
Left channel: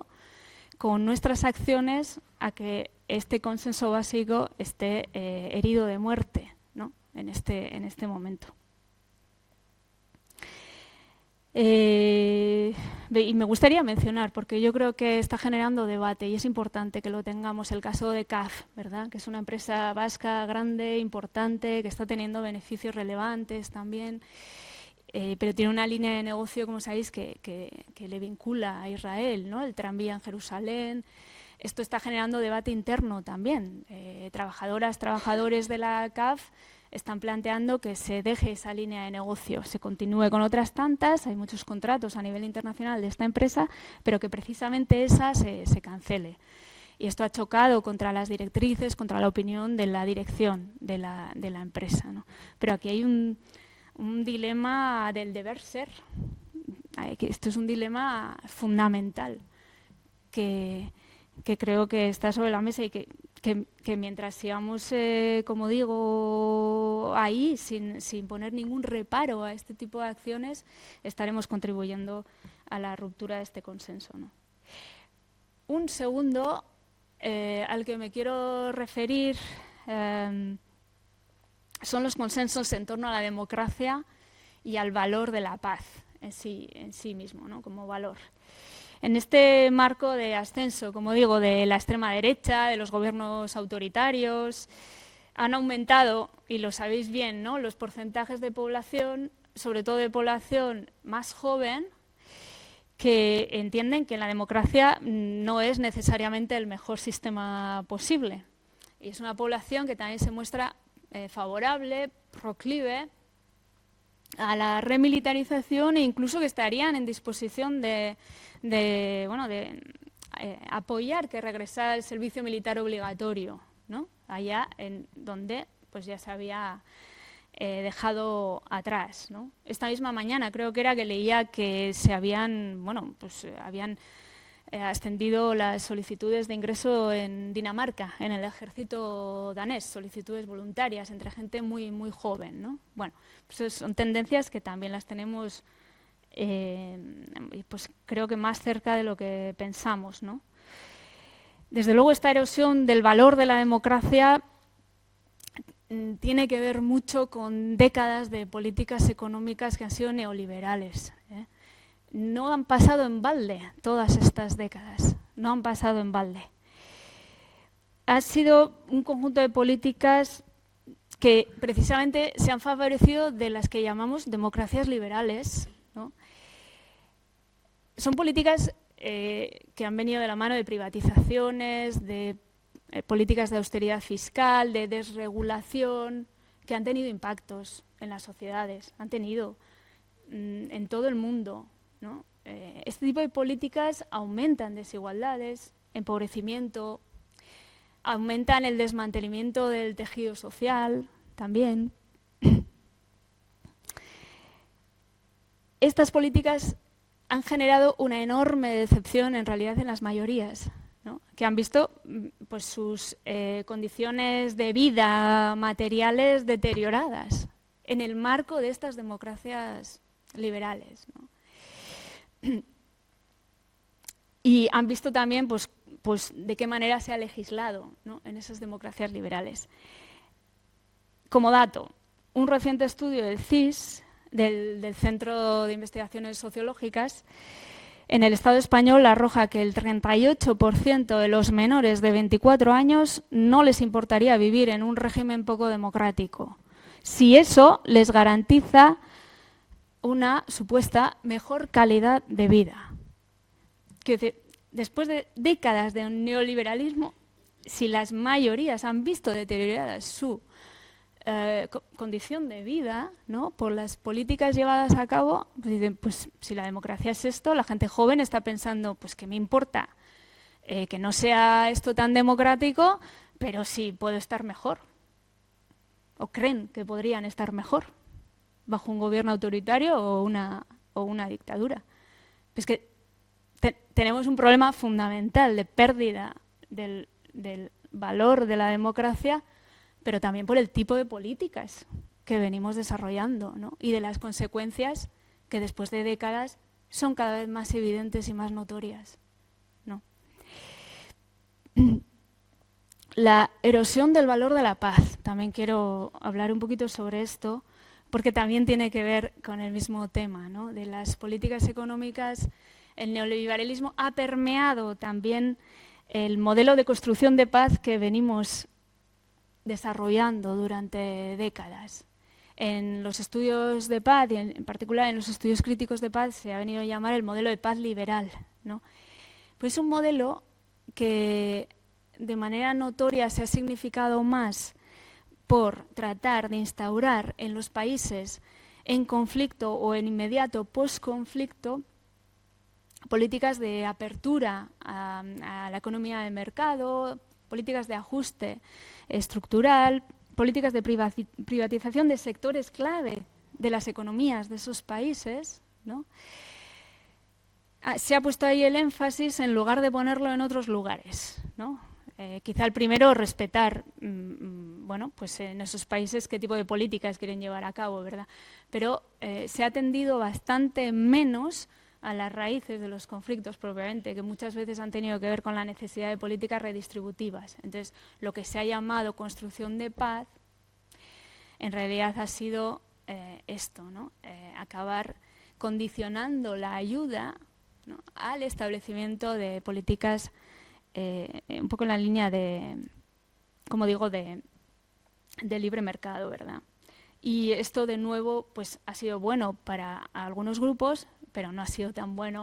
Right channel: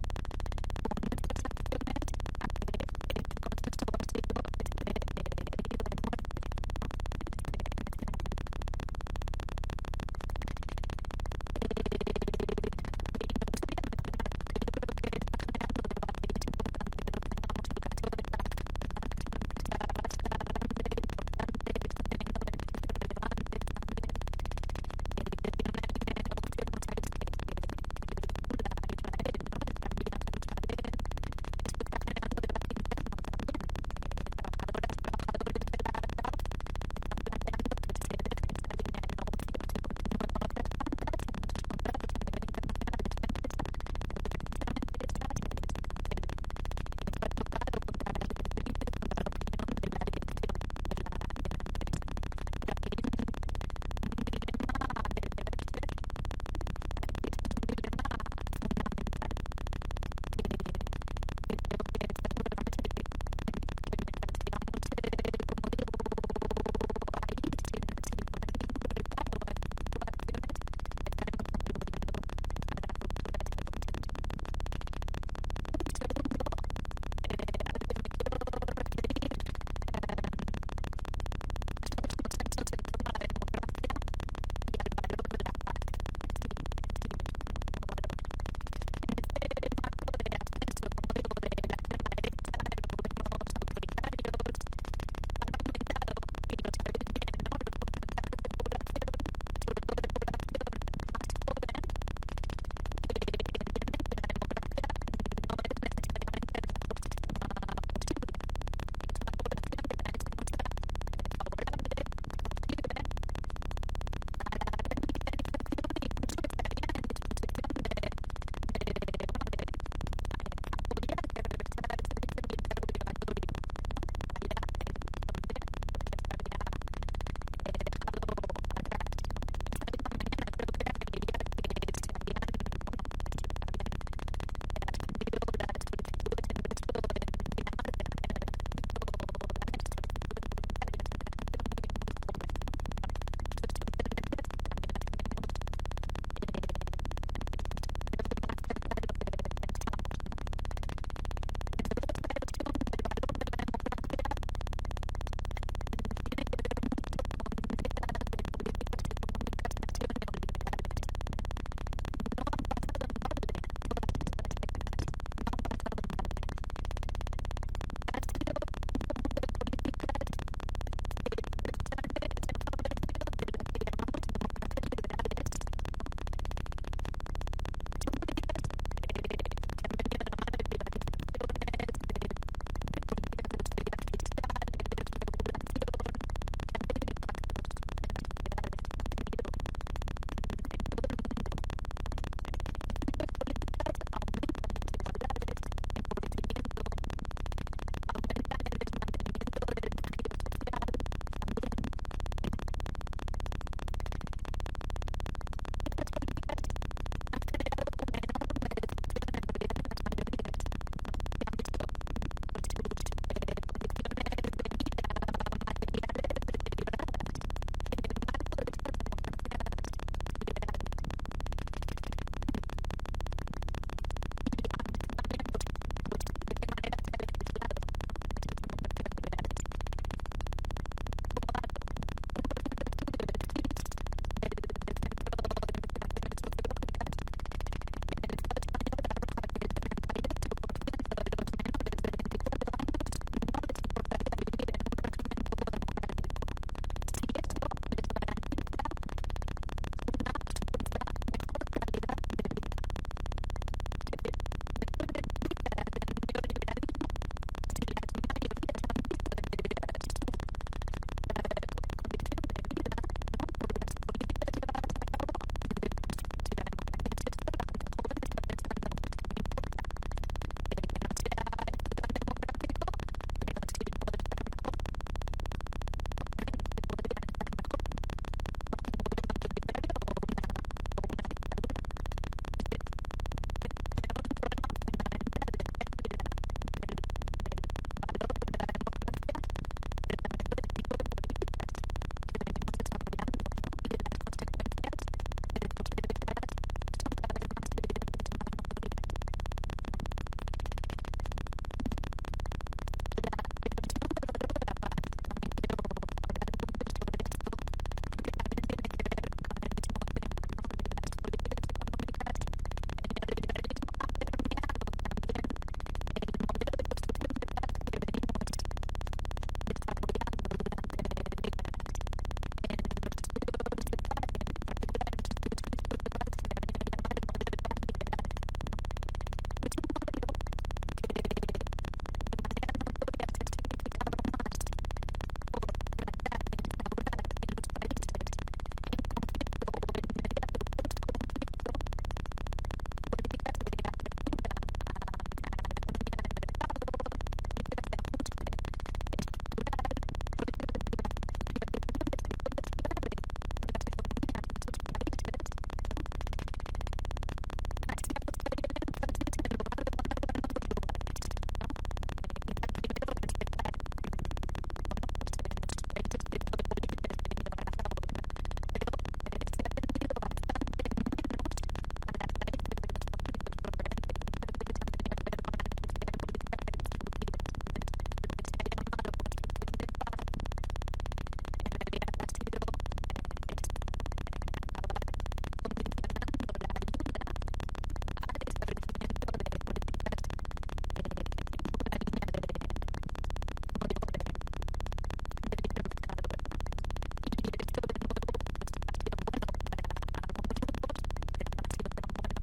con nuestras acciones a que este consenso básico esté herido de muerte, ¿no? en este momento? Y me gustaría mencionar, porque yo creo que está generando debate y es importante que lo tengamos, el caso de CAF, ¿verdad? Que es una empresa vasca grande, importante, que está teniendo beneficios relevantes también, pero tiene una línea de negocio, como sabéis, que le vincula a Israel, ¿no? El tranvía en Jerusalén. Esto está generando debate interno también. Trabajadores de la CAF están planteando que se deje esa línea de negocio, se continúe con otras tantas, hay muchos contratos a nivel internacional de esta empresa, pero que precisamente esa se cancele. Y esto ha chocado contra las directrices, contra la opinión de la dirección de la empresa, ¿no? Pero aquí hay un dilema del deber ser. Esto es un dilema fundamental que creo que está sobre la mesa y que mientras sigamos, como digo, ahí sin poner ningún reparo a este tipo de acciones, estaremos contribuyendo a la ruptura de este consenso, ¿no? Un segundo al que me quiero referir son los consensos en torno a la democracia y al valor de la paz en sí mismo, ¿no? Como valor. En este marco de ascenso, como digo, de la extrema derecha, de los gobiernos autoritarios, han aumentado, y lo sabéis bien, ¿no?, los porcentajes de población, sobre todo de población más joven, que entienden que la democracia no es necesariamente el mejor sistema posible. Y es una población que también se muestra favorable, proclive a la remilitarización e incluso que estarían en disposición de apoyar que regresara el servicio militar obligatorio, ¿no? Allá en donde pues ya se había dejado atrás, ¿no? Esta misma mañana creo que era que leía que se habían ascendido las solicitudes de ingreso en Dinamarca, en el ejército danés, solicitudes voluntarias entre gente muy joven, ¿no? Bueno, pues son tendencias que también las tenemos, pues creo que más cerca de lo que pensamos, ¿no? Desde luego esta erosión del valor de la democracia tiene que ver mucho con décadas de políticas económicas que han sido neoliberales, ¿eh? No han pasado en balde todas estas décadas, no han pasado en balde. Ha sido un conjunto de políticas que precisamente se han favorecido de las que llamamos democracias liberales, ¿no? Son políticas que han venido de la mano de privatizaciones, de políticas de austeridad fiscal, de desregulación, que han tenido impactos en las sociedades, han tenido en todo el mundo, ¿no? Este tipo de políticas aumentan desigualdades, empobrecimiento, aumentan el desmantelamiento del tejido social también. Estas políticas han generado una enorme decepción en realidad en las mayorías, ¿no? Que han visto pues sus condiciones de vida materiales deterioradas en el marco de estas democracias liberales, ¿no? Y han visto también pues de qué manera se ha legislado, ¿no? En esas democracias liberales. Como dato, un reciente estudio del CIS, del Centro de Investigaciones Sociológicas, en el Estado español arroja que el 38% de los menores de 24 años no les importaría vivir en un régimen poco democrático, si eso les garantiza una supuesta mejor calidad de vida. Después de décadas de neoliberalismo, si las mayorías han visto deteriorada su condición de vida, ¿no? Por las políticas llevadas a cabo, pues dicen, pues si la democracia es esto, la gente joven está pensando, pues ¿qué me importa? Que no sea esto tan democrático, pero sí puedo estar mejor. O creen que podrían estar mejor bajo un gobierno autoritario o una dictadura. Es que tenemos un problema fundamental de pérdida del valor de la democracia, pero también por el tipo de políticas que venimos desarrollando, ¿no? Y de las consecuencias que después de décadas son cada vez más evidentes y más notorias, ¿no? La erosión del valor de la paz. También quiero hablar un poquito sobre esto, porque también tiene que ver con el mismo tema, ¿no? De las políticas económicas. El neoliberalismo ha permeado también el modelo de construcción de paz que venimos desarrollando durante décadas. En los estudios de paz, y en particular en los estudios críticos de paz, se ha venido a llamar el modelo de paz liberal, ¿no? Pues es un modelo que de manera notoria se ha significado más por tratar de instaurar en los países en conflicto o en inmediato post-conflicto políticas de apertura a la economía de mercado, políticas de ajuste estructural, políticas de privatización de sectores clave de las economías de esos países, ¿no? Se ha puesto ahí el énfasis en lugar de ponerlo en otros lugares, ¿no? Quizá el primero, respetar, bueno, pues en esos países qué tipo de políticas quieren llevar a cabo, ¿verdad? Pero se ha tendido bastante menos a las raíces de los conflictos propiamente, que muchas veces han tenido que ver con la necesidad de políticas redistributivas. Entonces, lo que se ha llamado construcción de paz, en realidad ha sido esto, ¿no? Acabar condicionando la ayuda, ¿no? Al establecimiento de políticas un poco en la línea de, como digo, de libre mercado, ¿verdad? Y esto, de nuevo, pues ha sido bueno para algunos grupos, pero no ha sido tan bueno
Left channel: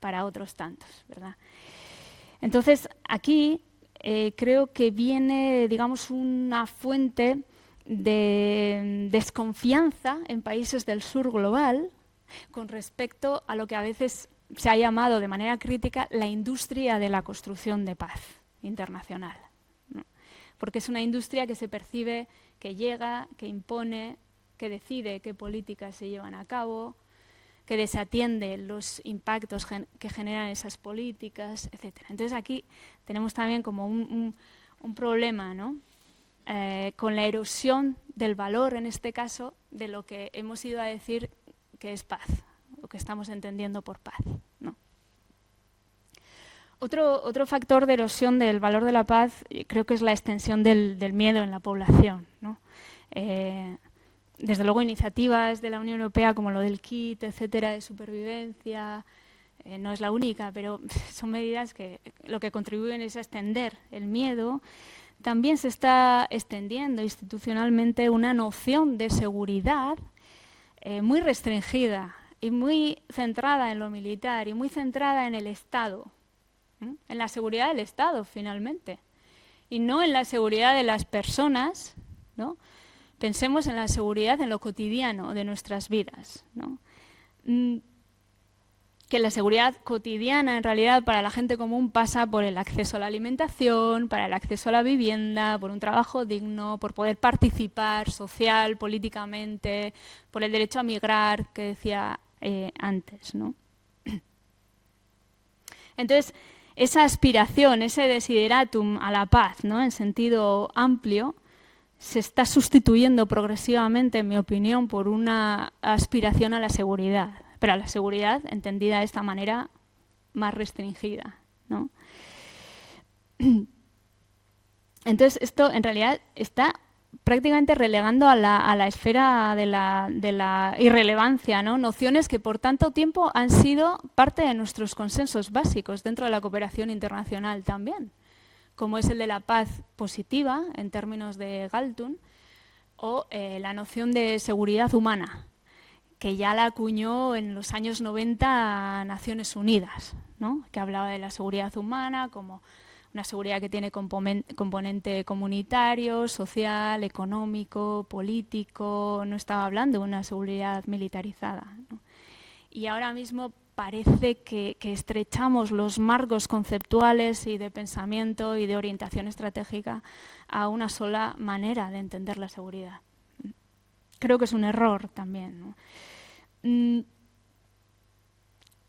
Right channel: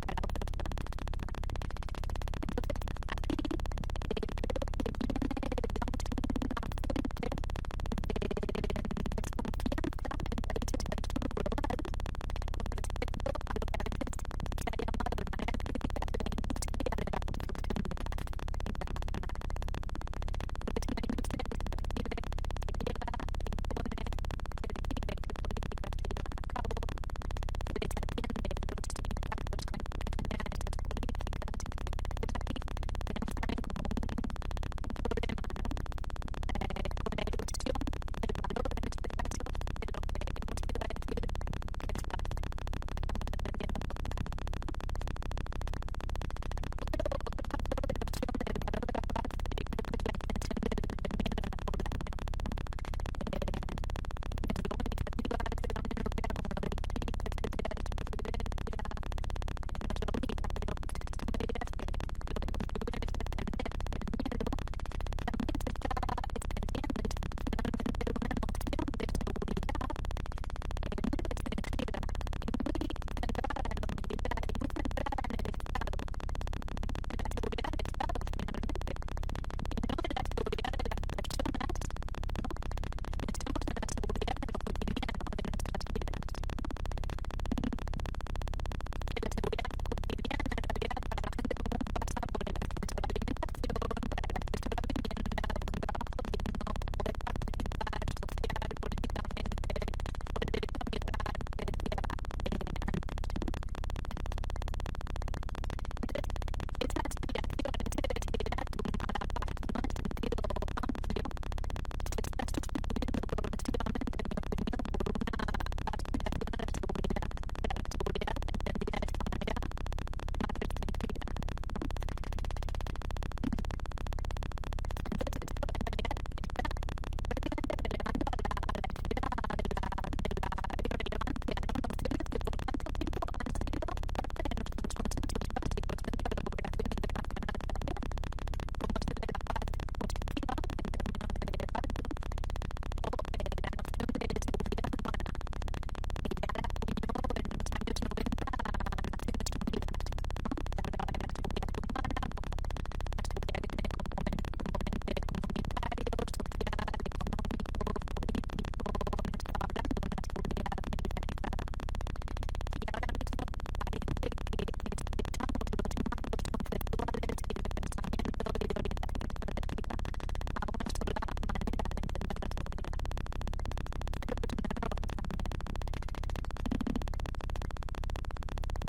para otros tantos, ¿verdad? Entonces, aquí creo que viene, digamos, una fuente de desconfianza en países del sur global con respecto a lo que a veces se ha llamado de manera crítica la industria de la construcción de paz internacional, ¿no? Porque es una industria que se percibe que llega, que impone, que decide qué políticas se llevan a cabo, que desatiende los impactos que generan esas políticas, etc. Entonces aquí tenemos también como un problema, ¿no? Con la erosión del valor, en este caso, de lo que hemos ido a decir que es paz, lo que estamos entendiendo por paz, ¿no? Otro factor de erosión del valor de la paz creo que es la extensión del miedo en la población, ¿no? Desde luego iniciativas de la Unión Europea como lo del kit, etcétera, de supervivencia, no es la única, pero son medidas que lo que contribuyen es a extender el miedo. También se está extendiendo institucionalmente una noción de seguridad muy restringida y muy centrada en lo militar y muy centrada en el Estado, ¿no? En la seguridad del Estado, finalmente, y no en la seguridad de las personas, ¿no? Pensemos en la seguridad en lo cotidiano de nuestras vidas, ¿no? Que la seguridad cotidiana en realidad para la gente común pasa por el acceso a la alimentación, para el acceso a la vivienda, por un trabajo digno, por poder participar social, políticamente, por el derecho a migrar que decía antes, ¿no? Entonces, esa aspiración, ese desideratum a la paz, ¿no? En sentido amplio, se está sustituyendo progresivamente, en mi opinión, por una aspiración a la seguridad, pero a la seguridad entendida de esta manera más restringida, ¿no? Entonces esto en realidad está prácticamente relegando a la esfera de la irrelevancia, ¿no? Nociones que por tanto tiempo han sido parte de nuestros consensos básicos dentro de la cooperación internacional también, como es el de la paz positiva en términos de Galtung, o la noción de seguridad humana, que ya la acuñó en los años 90 Naciones Unidas, ¿no? Que hablaba de la seguridad humana como una seguridad que tiene componente comunitario, social, económico, político. No estaba hablando de una seguridad militarizada, ¿no? Y ahora mismo parece que estrechamos los marcos conceptuales y de pensamiento y de orientación estratégica a una sola manera de entender la seguridad. Creo que es un error también, ¿no?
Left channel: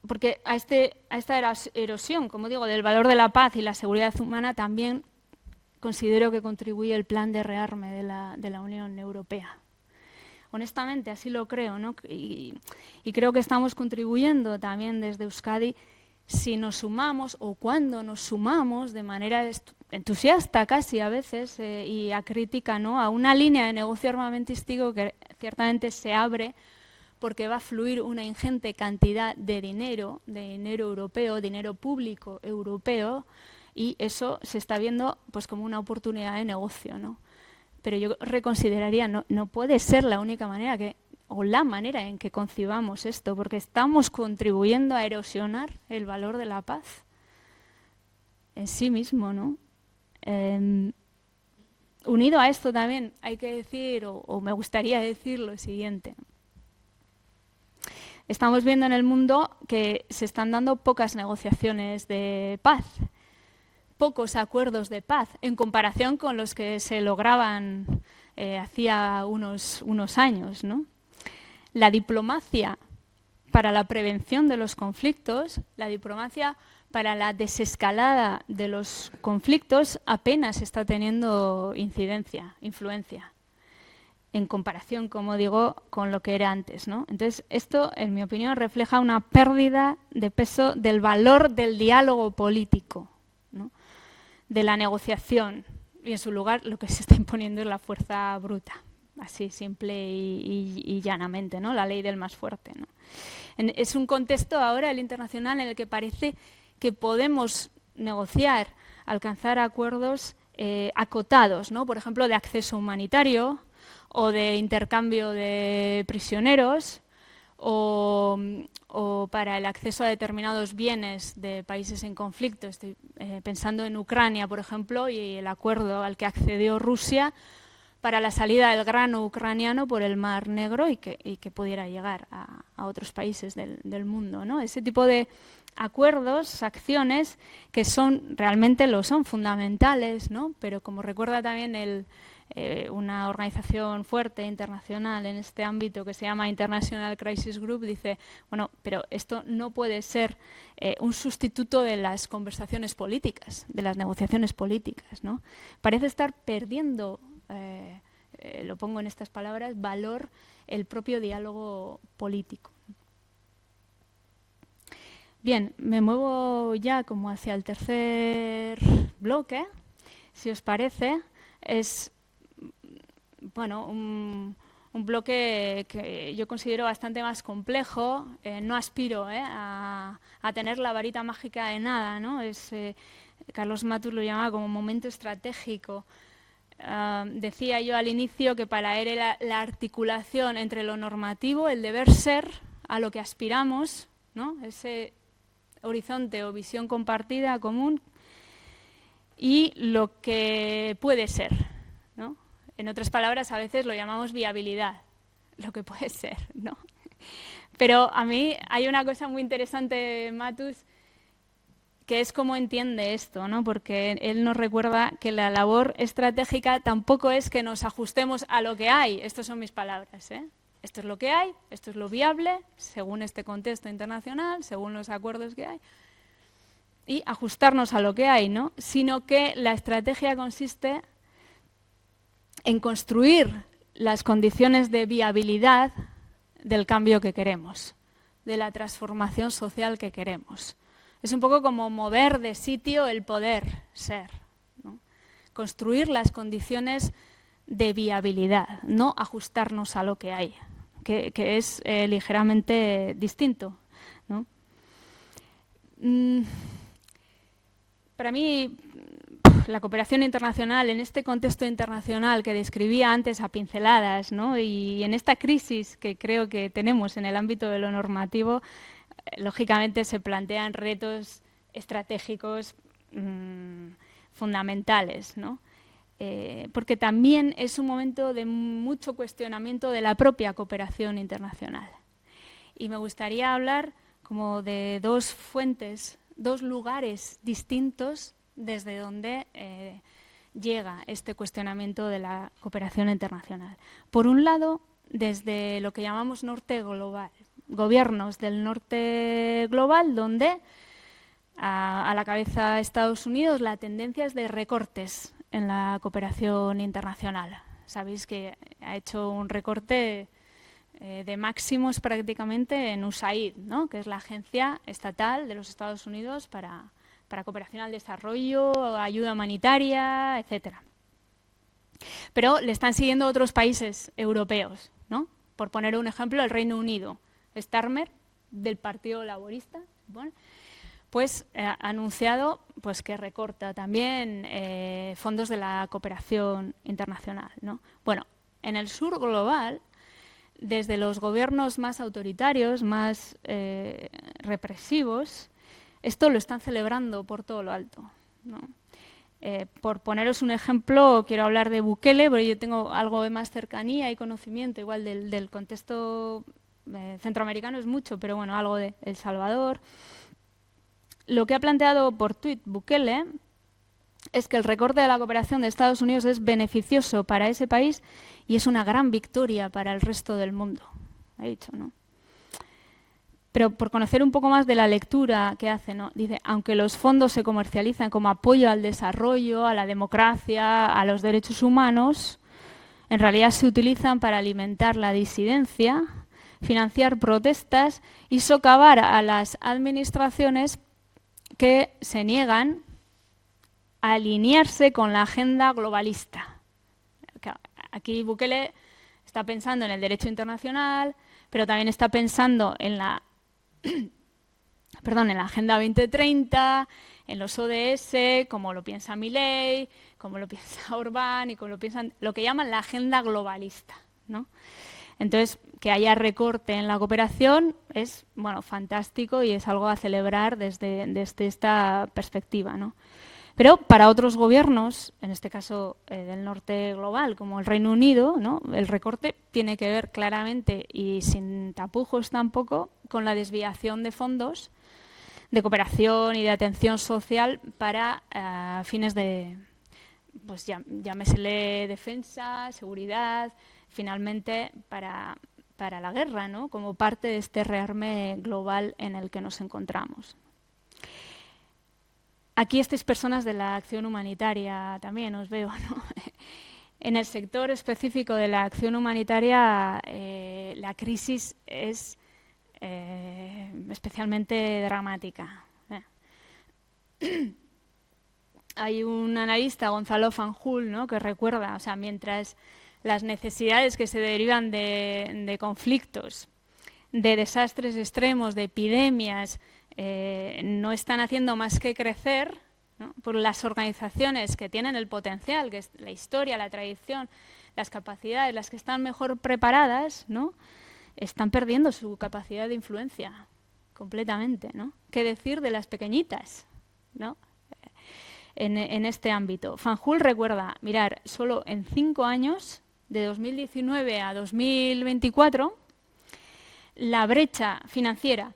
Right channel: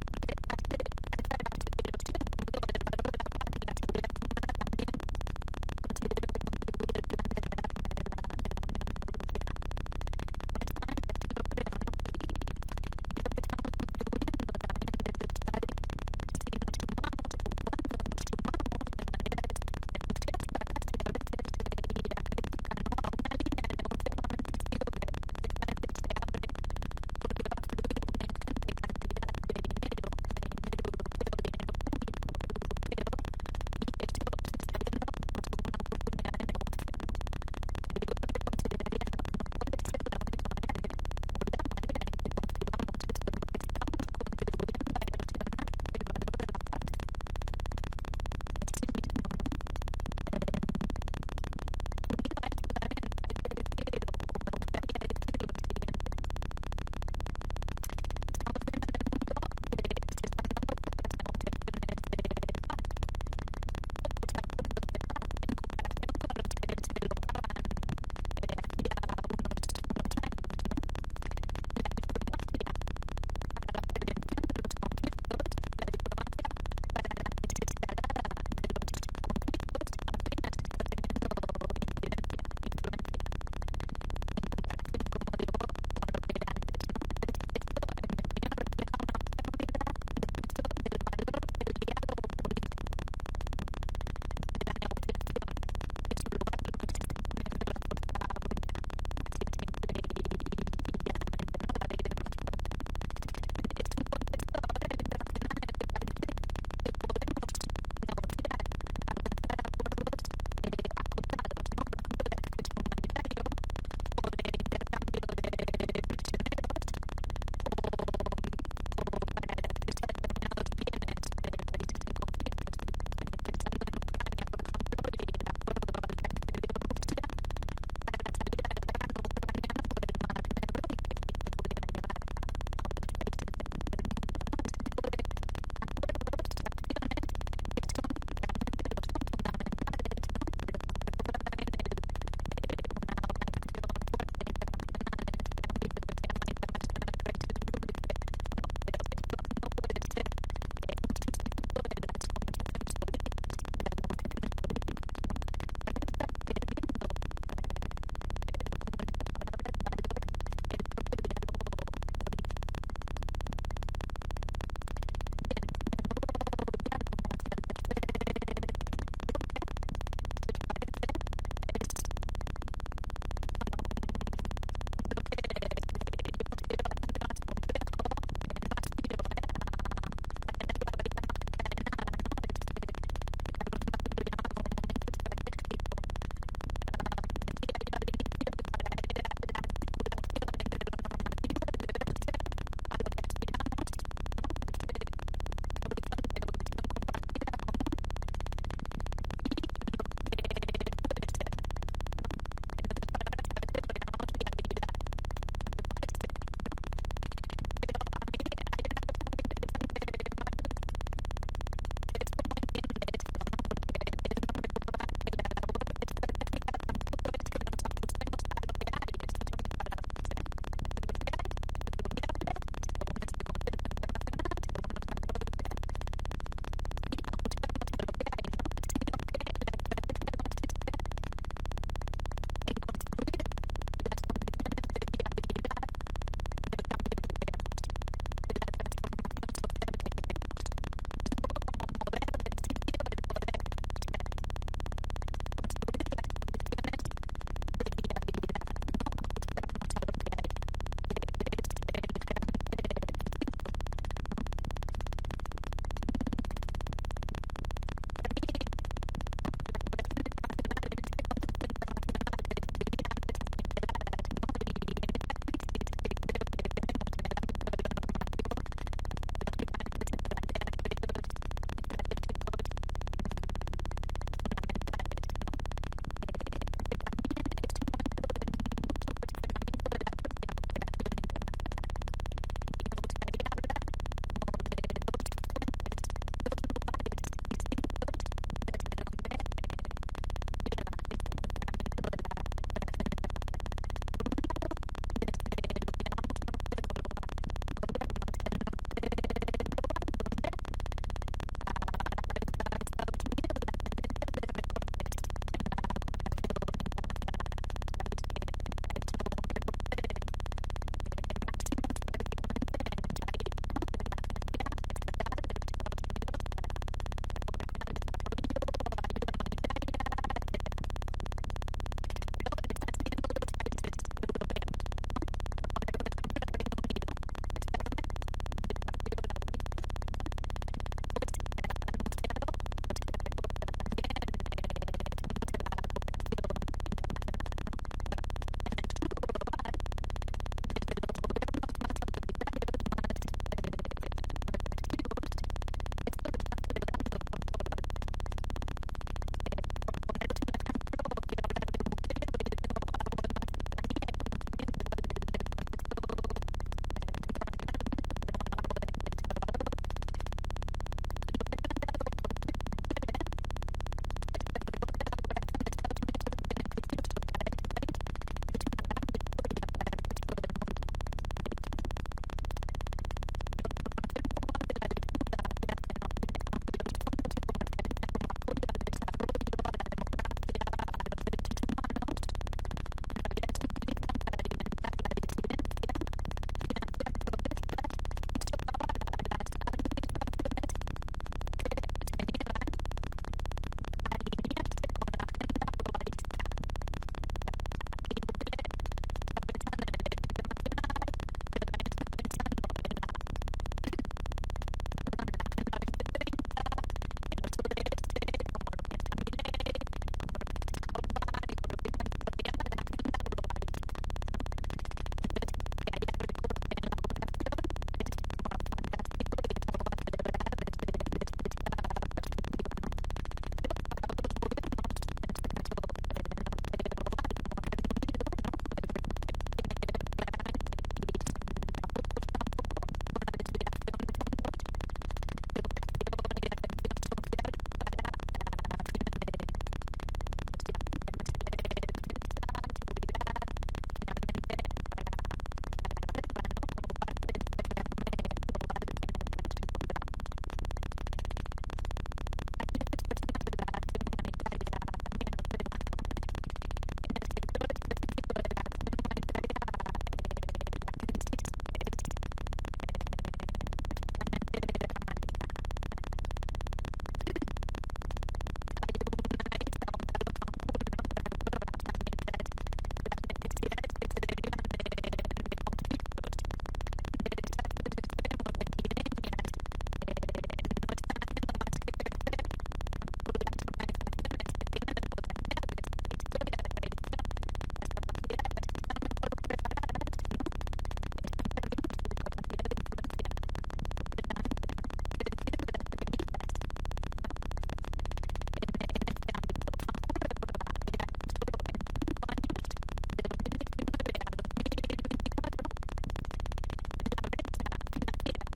Porque a esta erosión, como digo, del valor de la paz y la seguridad humana también considero que contribuye el plan de rearme de la Unión Europea. Honestamente, así lo creo, ¿no? Y creo que estamos contribuyendo también desde Euskadi si nos sumamos o cuando nos sumamos de manera entusiasta casi a veces y acrítica, ¿no? A una línea de negocio armamentístico que ciertamente se abre porque va a fluir una ingente cantidad de dinero europeo, dinero público europeo, y eso se está viendo pues como una oportunidad de negocio, ¿no? Pero yo reconsideraría, no puede ser la única manera o la manera en que concibamos esto, porque estamos contribuyendo a erosionar el valor de la paz en sí mismo, ¿no? Unido a esto también hay que decir, o me gustaría decir lo siguiente. Estamos viendo en el mundo que se están dando pocas negociaciones de paz, pocos acuerdos de paz, en comparación con los que se lograban hacía unos años, ¿no? La diplomacia para la prevención de los conflictos, la diplomacia para la desescalada de los conflictos apenas está teniendo influencia, en comparación, como digo, con lo que era antes, ¿no? Entonces, esto, en mi opinión, refleja una pérdida de peso del valor del diálogo político, ¿no? De la negociación, y en su lugar lo que se está imponiendo es la fuerza bruta, así simple y llanamente, ¿no? La ley del más fuerte, ¿no? Es un contexto ahora, el internacional, en el que parece que podemos negociar, alcanzar acuerdos acotados, ¿no? Por ejemplo, de acceso humanitario, o de intercambio de prisioneros, o para el acceso a determinados bienes de países en conflicto. Estoy pensando en Ucrania, por ejemplo, y el acuerdo al que accedió Rusia para la salida del grano ucraniano por el Mar Negro y que pudiera llegar a otros países del mundo, ¿no? Ese tipo de acuerdos, acciones que realmente son fundamentales, ¿no? Pero como recuerda también el una organización fuerte internacional en este ámbito que se llama International Crisis Group, dice, bueno, pero esto no puede ser un sustituto de las conversaciones políticas, de las negociaciones políticas, ¿no? Parece estar perdiendo, lo pongo en estas palabras, valor el propio diálogo político. Bien, me muevo ya como hacia el tercer bloque. Si os parece, es bueno, un bloque que yo considero bastante más complejo. No aspiro a tener la varita mágica de nada, ¿no? Carlos Matus lo llamaba como momento estratégico. Decía yo al inicio que para él era la articulación entre lo normativo, el deber ser, a lo que aspiramos, ¿no? Ese horizonte o visión compartida, común, y lo que puede ser, ¿no? En otras palabras, a veces lo llamamos viabilidad, lo que puede ser, ¿no? Pero a mí hay una cosa muy interesante, Matus, que es cómo entiende esto, ¿no? Porque él nos recuerda que la labor estratégica tampoco es que nos ajustemos a lo que hay. Estas son mis palabras, ¿eh? Esto es lo que hay, esto es lo viable, según este contexto internacional, según los acuerdos que hay, y ajustarnos a lo que hay, ¿no? Sino que la estrategia consiste en construir las condiciones de viabilidad del cambio que queremos, de la transformación social que queremos. Es un poco como mover de sitio el poder ser, ¿no? Construir las condiciones de viabilidad, no ajustarnos a lo que hay, que es ligeramente distinto, ¿no? Para mí, la cooperación internacional, en este contexto internacional que describía antes a pinceladas, ¿no? Y en esta crisis que creo que tenemos en el ámbito de lo normativo, lógicamente se plantean retos estratégicos fundamentales, ¿no? Porque también es un momento de mucho cuestionamiento de la propia cooperación internacional. Y me gustaría hablar como de dos fuentes, dos lugares distintos desde donde llega este cuestionamiento de la cooperación internacional. Por un lado, desde lo que llamamos norte global, gobiernos del norte global, donde a la cabeza de Estados Unidos la tendencia es de recortes en la cooperación internacional. Sabéis que ha hecho un recorte de máximos prácticamente en USAID, ¿no? Que es la agencia estatal de los Estados Unidos para cooperación al desarrollo, ayuda humanitaria, etcétera. Pero le están siguiendo otros países europeos, ¿no? Por poner un ejemplo, el Reino Unido. Starmer, del Partido Laborista, bueno, pues ha anunciado pues, que recorta también fondos de la cooperación internacional, ¿no? Bueno, en el sur global, desde los gobiernos más autoritarios, más represivos, esto lo están celebrando por todo lo alto, ¿no? Por poneros un ejemplo, quiero hablar de Bukele, porque yo tengo algo de más cercanía y conocimiento igual del contexto centroamericano es mucho, pero bueno, algo de El Salvador. Lo que ha planteado por tuit Bukele es que el recorte de la cooperación de Estados Unidos es beneficioso para ese país y es una gran victoria para el resto del mundo. Ha dicho, ¿no? Pero por conocer un poco más de la lectura que hace, ¿no? Dice, aunque los fondos se comercializan como apoyo al desarrollo, a la democracia, a los derechos humanos, en realidad se utilizan para alimentar la disidencia, financiar protestas y socavar a las administraciones que se niegan a alinearse con la agenda globalista. Aquí Bukele está pensando en el derecho internacional, pero también está pensando en la en la Agenda 2030, en los ODS, como lo piensa Milei, como lo piensa Orbán y como lo piensan, lo que llaman la agenda globalista, ¿no? Entonces, que haya recorte en la cooperación es, bueno, fantástico y es algo a celebrar desde esta perspectiva, ¿no? Pero para otros gobiernos, en este caso del norte global, como el Reino Unido, ¿no? El recorte tiene que ver claramente y sin tapujos tampoco con la desviación de fondos de cooperación y de atención social para fines de pues llámesele defensa, seguridad, finalmente para la guerra, ¿no? Como parte de este rearme global en el que nos encontramos. Aquí estáis personas de la acción humanitaria también, os veo, ¿no? En el sector específico de la acción humanitaria, la crisis es especialmente dramática. Hay un analista, Gonzalo Fanjul, ¿no?, que recuerda, o sea, mientras las necesidades que se derivan de conflictos, de desastres extremos, de epidemias, no están haciendo más que crecer, ¿no?, por las organizaciones que tienen el potencial, que es la historia, la tradición, las capacidades, las que están mejor preparadas, ¿no?, están perdiendo su capacidad de influencia completamente, ¿no? ¿Qué decir de las pequeñitas, ¿no?, en este ámbito? Fanjul recuerda, mirar, solo en 5 años, de 2019 a 2024, la brecha financiera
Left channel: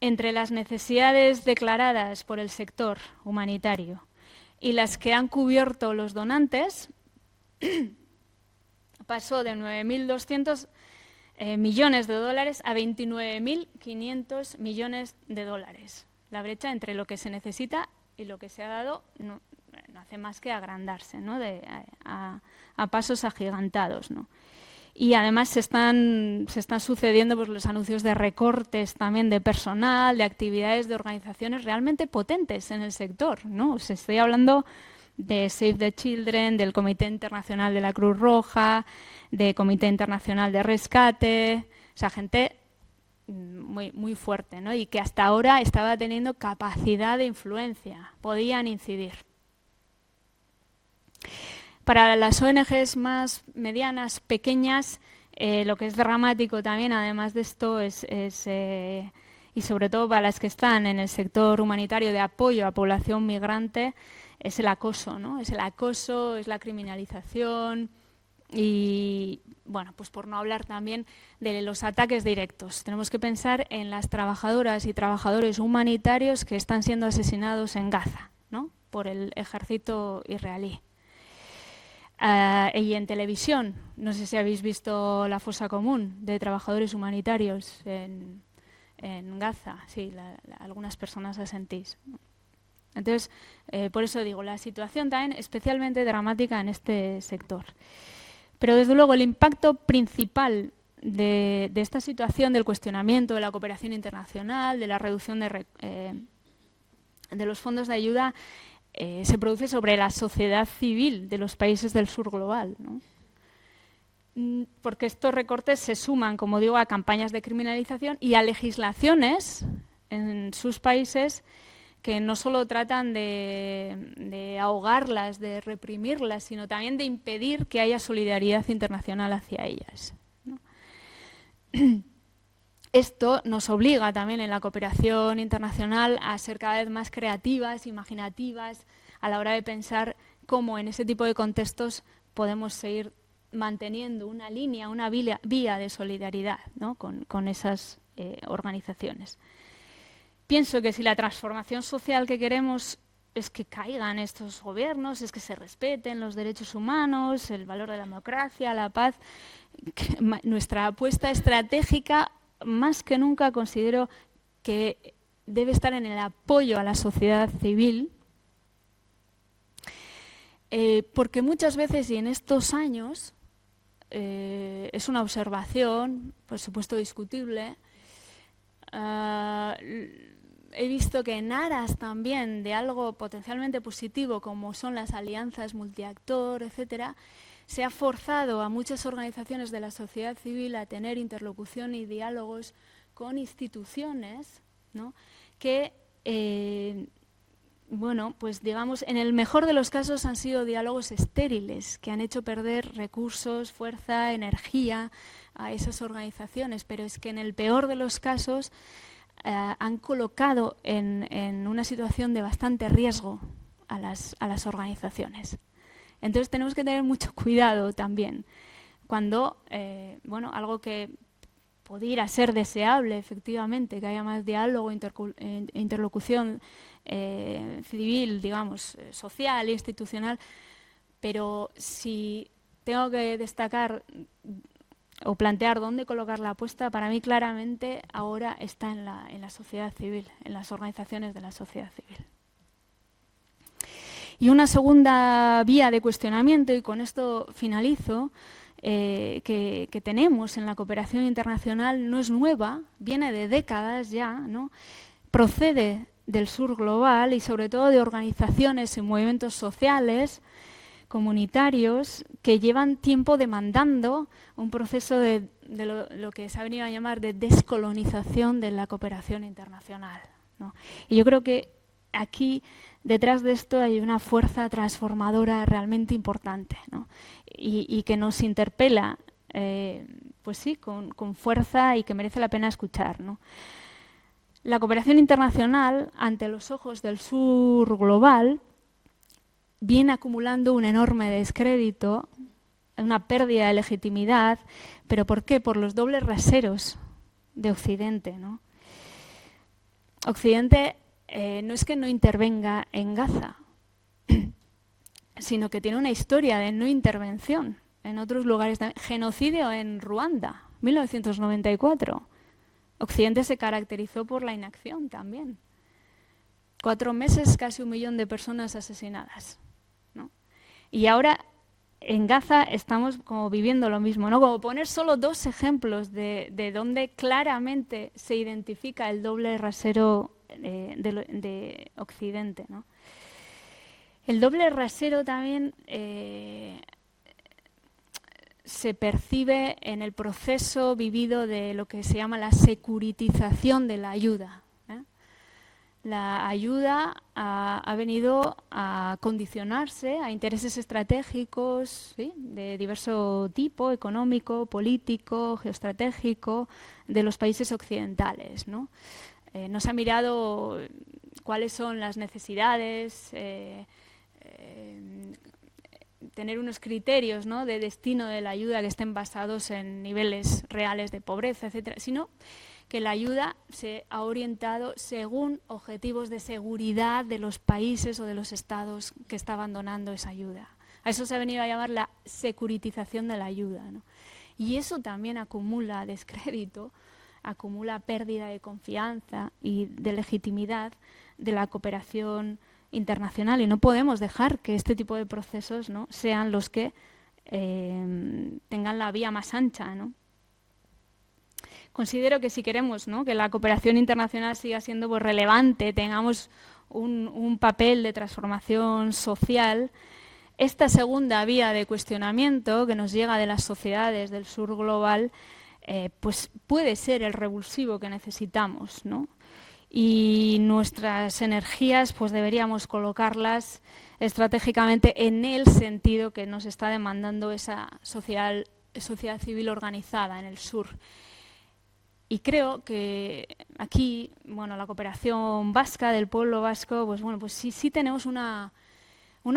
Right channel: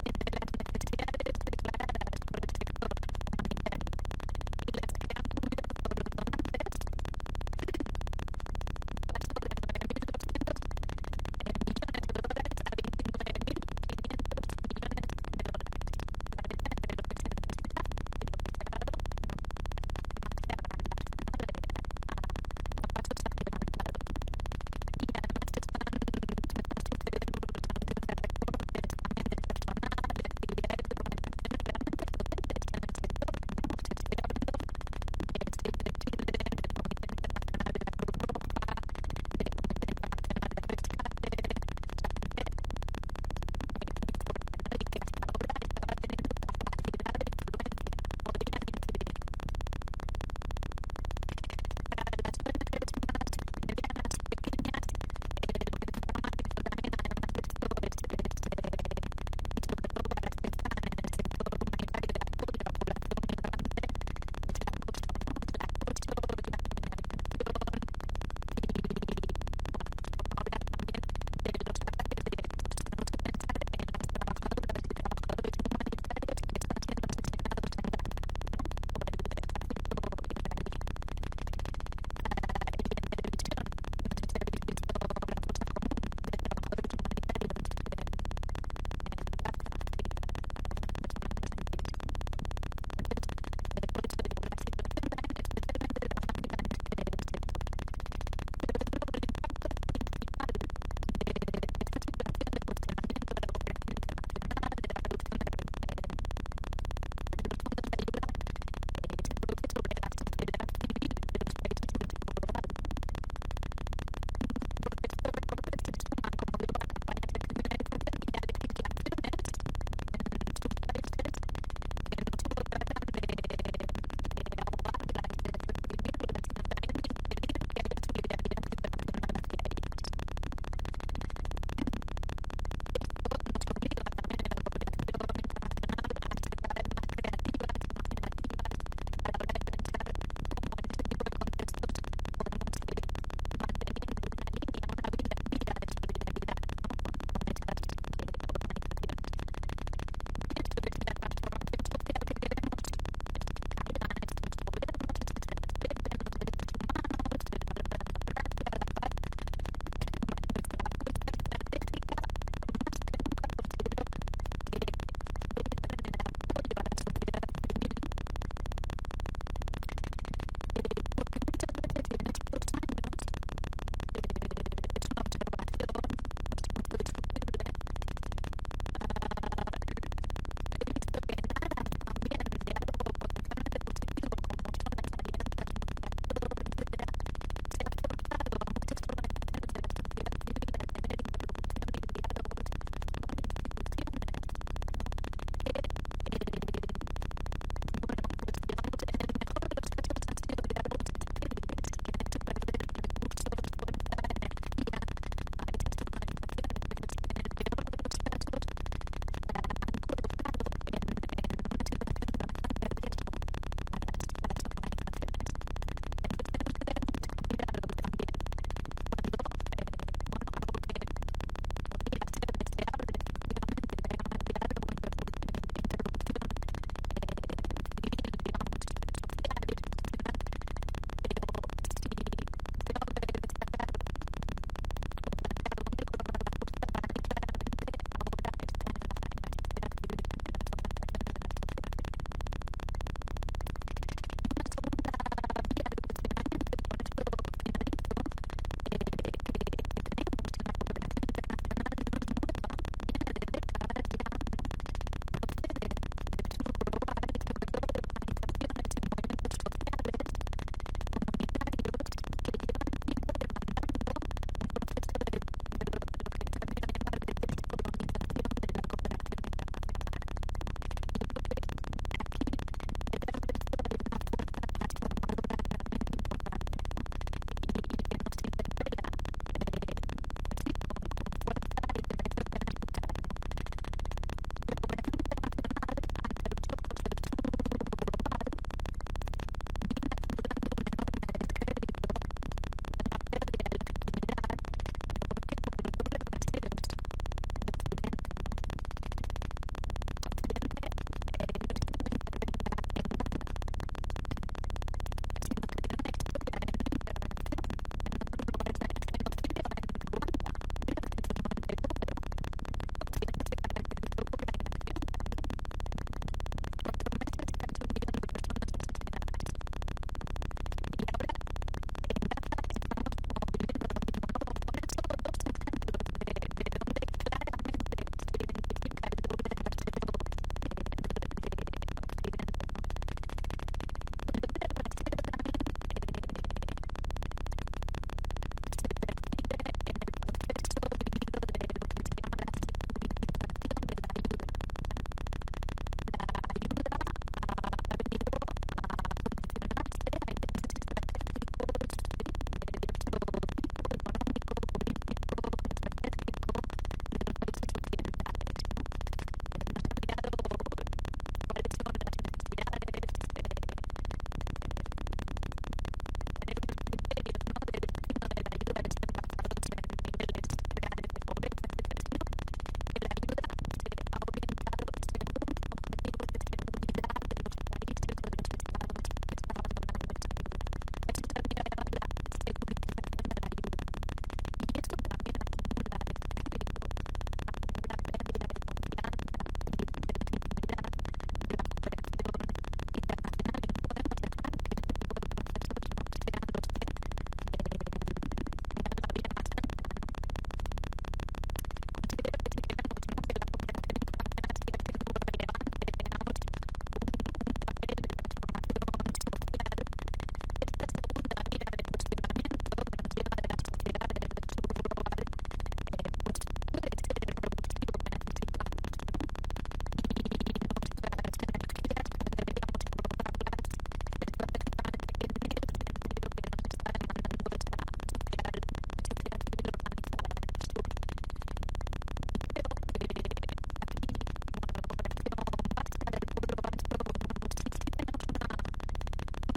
entre las necesidades declaradas por el sector humanitario y las que han cubierto los donantes pasó de 9.200 millones de dólares a 29.500 millones de dólares. La brecha entre lo que se necesita y lo que se ha dado no hace más que agrandarse, ¿no?, a pasos agigantados, ¿no? Y además se están sucediendo pues los anuncios de recortes también de personal, de actividades de organizaciones realmente potentes en el sector, ¿no? Os estoy hablando de Save the Children, del Comité Internacional de la Cruz Roja, del Comité Internacional de Rescate, o sea, gente muy, muy fuerte, ¿no?, y que hasta ahora estaba teniendo capacidad de influencia, podían incidir. Para las ONGs más medianas, pequeñas, lo que es dramático también, además de esto, y sobre todo para las que están en el sector humanitario de apoyo a población migrante, es el acoso, ¿no? Es el acoso, es la criminalización y, bueno, pues por no hablar también de los ataques directos. Tenemos que pensar en las trabajadoras y trabajadores humanitarios que están siendo asesinados en Gaza, ¿no?, por el ejército israelí. Y en televisión, no sé si habéis visto la fosa común de trabajadores humanitarios en Gaza, sí, algunas personas la sentís. Entonces, por eso digo, la situación también especialmente dramática en este sector. Pero desde luego el impacto principal de esta situación, del cuestionamiento de la cooperación internacional, de la reducción de los fondos de ayuda, se produce sobre la sociedad civil de los países del sur global, ¿no? Porque estos recortes se suman, como digo, a campañas de criminalización y a legislaciones en sus países que no solo tratan de ahogarlas, de reprimirlas, sino también de impedir que haya solidaridad internacional hacia ellas, ¿no? Esto nos obliga también en la cooperación internacional a ser cada vez más creativas, imaginativas, a la hora de pensar cómo en ese tipo de contextos podemos seguir manteniendo una línea, una vía de solidaridad, ¿no?, con esas organizaciones. Pienso que si la transformación social que queremos es que caigan estos gobiernos, es que se respeten los derechos humanos, el valor de la democracia, la paz, nuestra apuesta estratégica más que nunca considero que debe estar en el apoyo a la sociedad civil, porque muchas veces y en estos años es una observación, por supuesto discutible, he visto que en aras también de algo potencialmente positivo como son las alianzas multiactor, etcétera, se ha forzado a muchas organizaciones de la sociedad civil a tener interlocución y diálogos con instituciones, ¿no?, que, bueno, pues digamos, en el mejor de los casos han sido diálogos estériles, que han hecho perder recursos, fuerza, energía a esas organizaciones, pero es que en el peor de los casos han colocado en una situación de bastante riesgo a las organizaciones. Entonces tenemos que tener mucho cuidado también cuando, bueno, algo que pudiera ser deseable efectivamente, que haya más diálogo, interlocución civil, digamos, social, institucional, Pero si tengo que destacar o plantear dónde colocar la apuesta, para mí claramente ahora está en la sociedad civil, en las organizaciones de la sociedad civil. Y una segunda vía de cuestionamiento, y con esto finalizo, que tenemos en la cooperación internacional no es nueva, viene de décadas ya, ¿no? Procede del sur global y sobre todo de organizaciones y movimientos sociales, comunitarios, que llevan tiempo demandando un proceso de lo que se ha venido a llamar de descolonización de la cooperación internacional, ¿no? Y yo creo que aquí detrás de esto hay una fuerza transformadora realmente importante, ¿no? Y que nos interpela, pues sí, con fuerza y que merece la pena escuchar, ¿no? La cooperación internacional, ante los ojos del sur global, viene acumulando un enorme descrédito, una pérdida de legitimidad. ¿Pero por qué? Por los dobles raseros de Occidente, ¿no? Occidente no es que no intervenga en Gaza, sino que tiene una historia de no intervención en otros lugares. Genocidio en Ruanda, 1994. Occidente se caracterizó por la inacción también. 4 meses, casi 1 millón de personas asesinadas, ¿no? Y ahora en Gaza estamos como viviendo lo mismo, ¿no? Como poner solo 2 ejemplos de donde claramente se identifica el doble rasero de Occidente, ¿no? El doble rasero también se percibe en el proceso vivido de lo que se llama la securitización de la ayuda, ¿eh? La ayuda ha venido a condicionarse a intereses estratégicos, ¿sí?, de diverso tipo, económico, político, geoestratégico, de los países occidentales, ¿no? No se ha mirado cuáles son las necesidades, tener unos criterios, ¿no?, de destino de la ayuda que estén basados en niveles reales de pobreza, etcétera, sino que la ayuda se ha orientado según objetivos de seguridad de los países o de los estados que estaban donando esa ayuda. A eso se ha venido a llamar la securitización de la ayuda, ¿no? Y eso también acumula descrédito, acumula pérdida de confianza y de legitimidad de la cooperación internacional, y no podemos dejar que este tipo de procesos, ¿no?, sean los que tengan la vía más ancha, ¿no? Considero que si queremos, ¿no?, que la cooperación internacional siga siendo, pues, relevante, tengamos un papel de transformación social, esta segunda vía de cuestionamiento que nos llega de las sociedades del sur global, pues puede ser el revulsivo que necesitamos, ¿no? Y nuestras energías, pues deberíamos colocarlas estratégicamente en el sentido que nos está demandando esa sociedad civil organizada en el sur. Y creo que aquí, bueno, la cooperación vasca, del pueblo vasco, pues bueno, pues sí tenemos una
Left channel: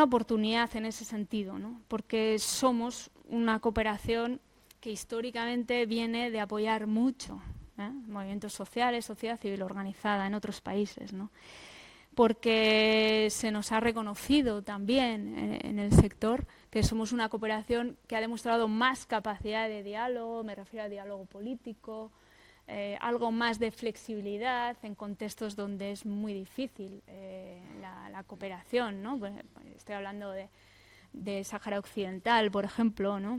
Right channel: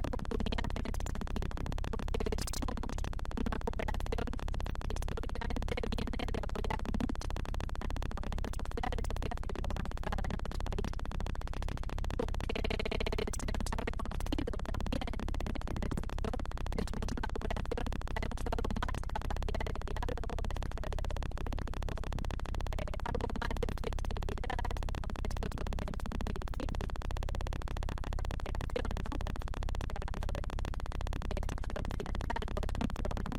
oportunidad en ese sentido, ¿no? Porque somos una cooperación que históricamente viene de apoyar mucho, movimientos sociales, sociedad civil organizada en otros países, ¿no? Porque se nos ha reconocido también en el sector que somos una cooperación que ha demostrado más capacidad de diálogo, me refiero al diálogo político, algo más de flexibilidad en contextos donde es muy difícil la cooperación, ¿no? Bueno, estoy hablando de Sáhara Occidental, por ejemplo, ¿no?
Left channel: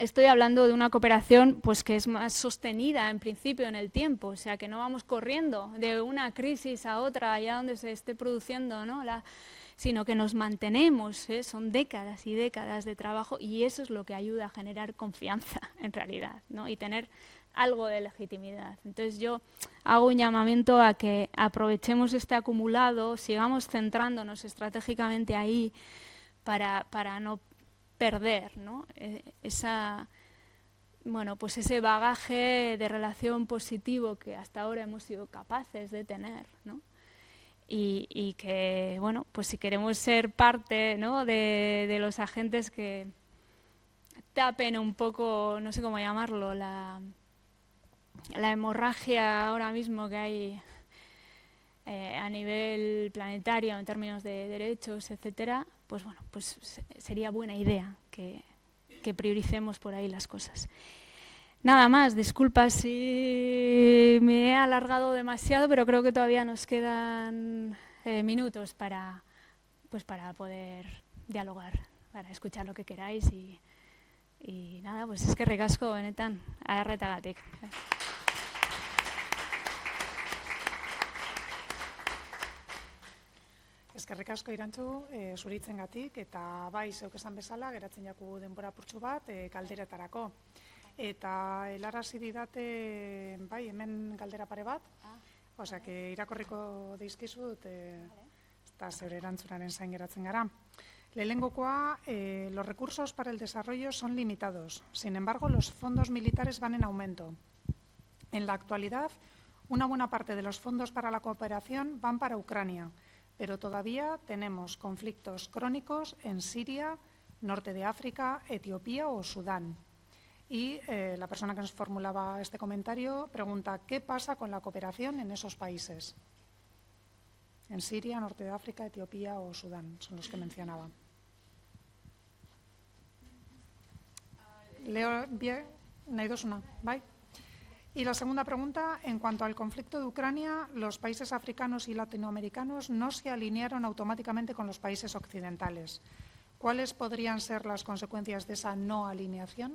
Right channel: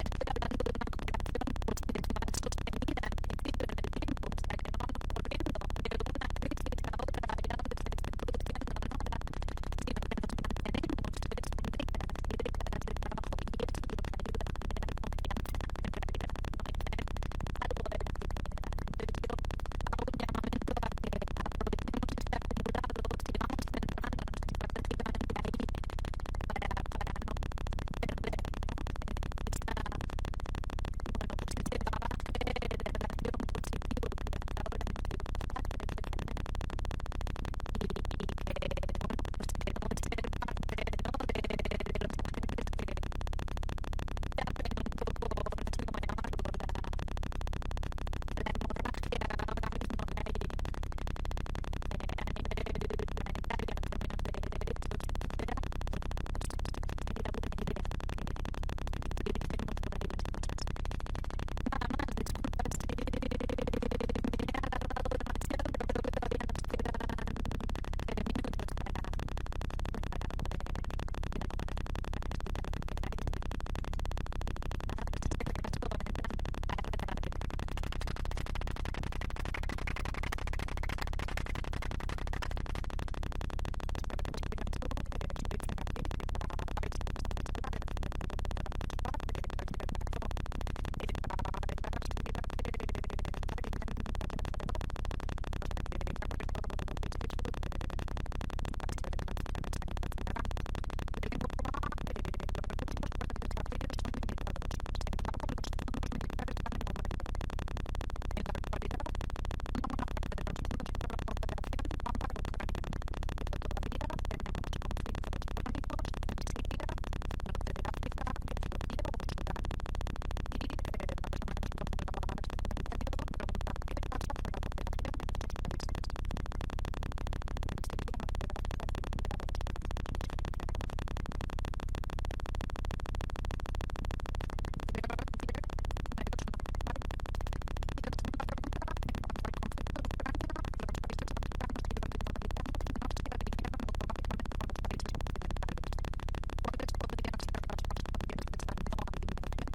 Estoy hablando de una cooperación, pues, que es más sostenida en principio en el tiempo, o sea, que no vamos corriendo de una crisis a otra allá donde se esté produciendo, ¿no?, sino que nos mantenemos, son décadas y décadas de trabajo, y eso es lo que ayuda a generar confianza en realidad, ¿no?, y tener algo de legitimidad. Entonces yo hago un llamamiento a que aprovechemos este acumulado, sigamos centrándonos estratégicamente ahí para no perder, ¿no?, pues ese bagaje de relación positivo que hasta ahora hemos sido capaces de tener, ¿no? Y que, bueno, pues si queremos ser parte, ¿no?, de los agentes que tapen un poco, no sé cómo llamarlo, la hemorragia ahora mismo que hay a nivel planetario en términos de derechos, etcétera, pues bueno, pues sería buena idea que prioricemos por ahí las cosas. Nada más, disculpa si me he alargado demasiado, pero creo que todavía nos quedan minutos para poder dialogar, para escuchar lo que queráis y nada, pues es que ricasco benetan, aherretagatik. Eskerrik asko Irantxu, zuritzengatik eta bai, zeuk esan bezala, geratzen dugu denbora putzu bat, galderetarako. Eta helarazi didate, bai, hemen galdera pare bat, osea, irakorriko dizkizut, eta zer erantzunaren zain geratzen gara. Lehenengokoa, los recursos para el desarrollo son limitados. Sin embargo, los fondos militares van en aumento. En la actualidad, una buena parte de los fondos para la cooperación van para Ucrania, pero todavía tenemos conflictos crónicos en Siria, norte de África, Etiopía o Sudán. Y la persona que nos formulaba este comentario pregunta ¿qué pasa con la cooperación en esos países? En Siria, norte de África, Etiopía o Sudán, son los que mencionaba. Leo nahi duzuna, bai? Y la segunda pregunta, en cuanto al conflicto de Ucrania, los países africanos y latinoamericanos no se alinearon automáticamente con los países occidentales. ¿Cuáles podrían ser las consecuencias de esa no alineación?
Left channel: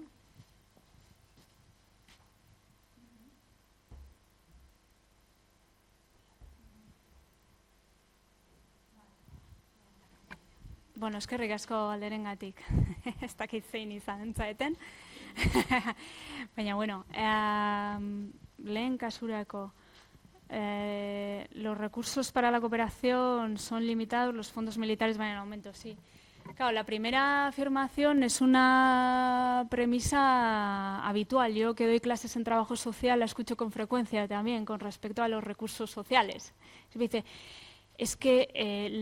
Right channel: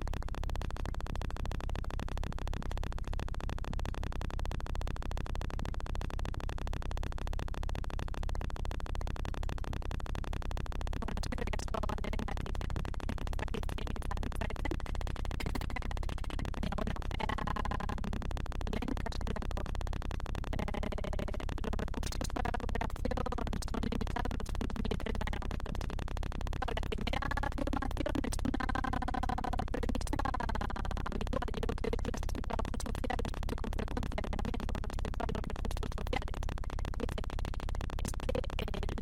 Bueno, eskerrik asko galderengatik. Ez dakit zein izan zaeten. Baina, bueno, lehen kasurako, los recursos para la cooperación son limitados, los fondos militares van en aumento, sí. Claro, la primera afirmación es una premisa habitual. Yo que doy clases en trabajo social la escucho con frecuencia también con respecto a los recursos sociales. Dice, es que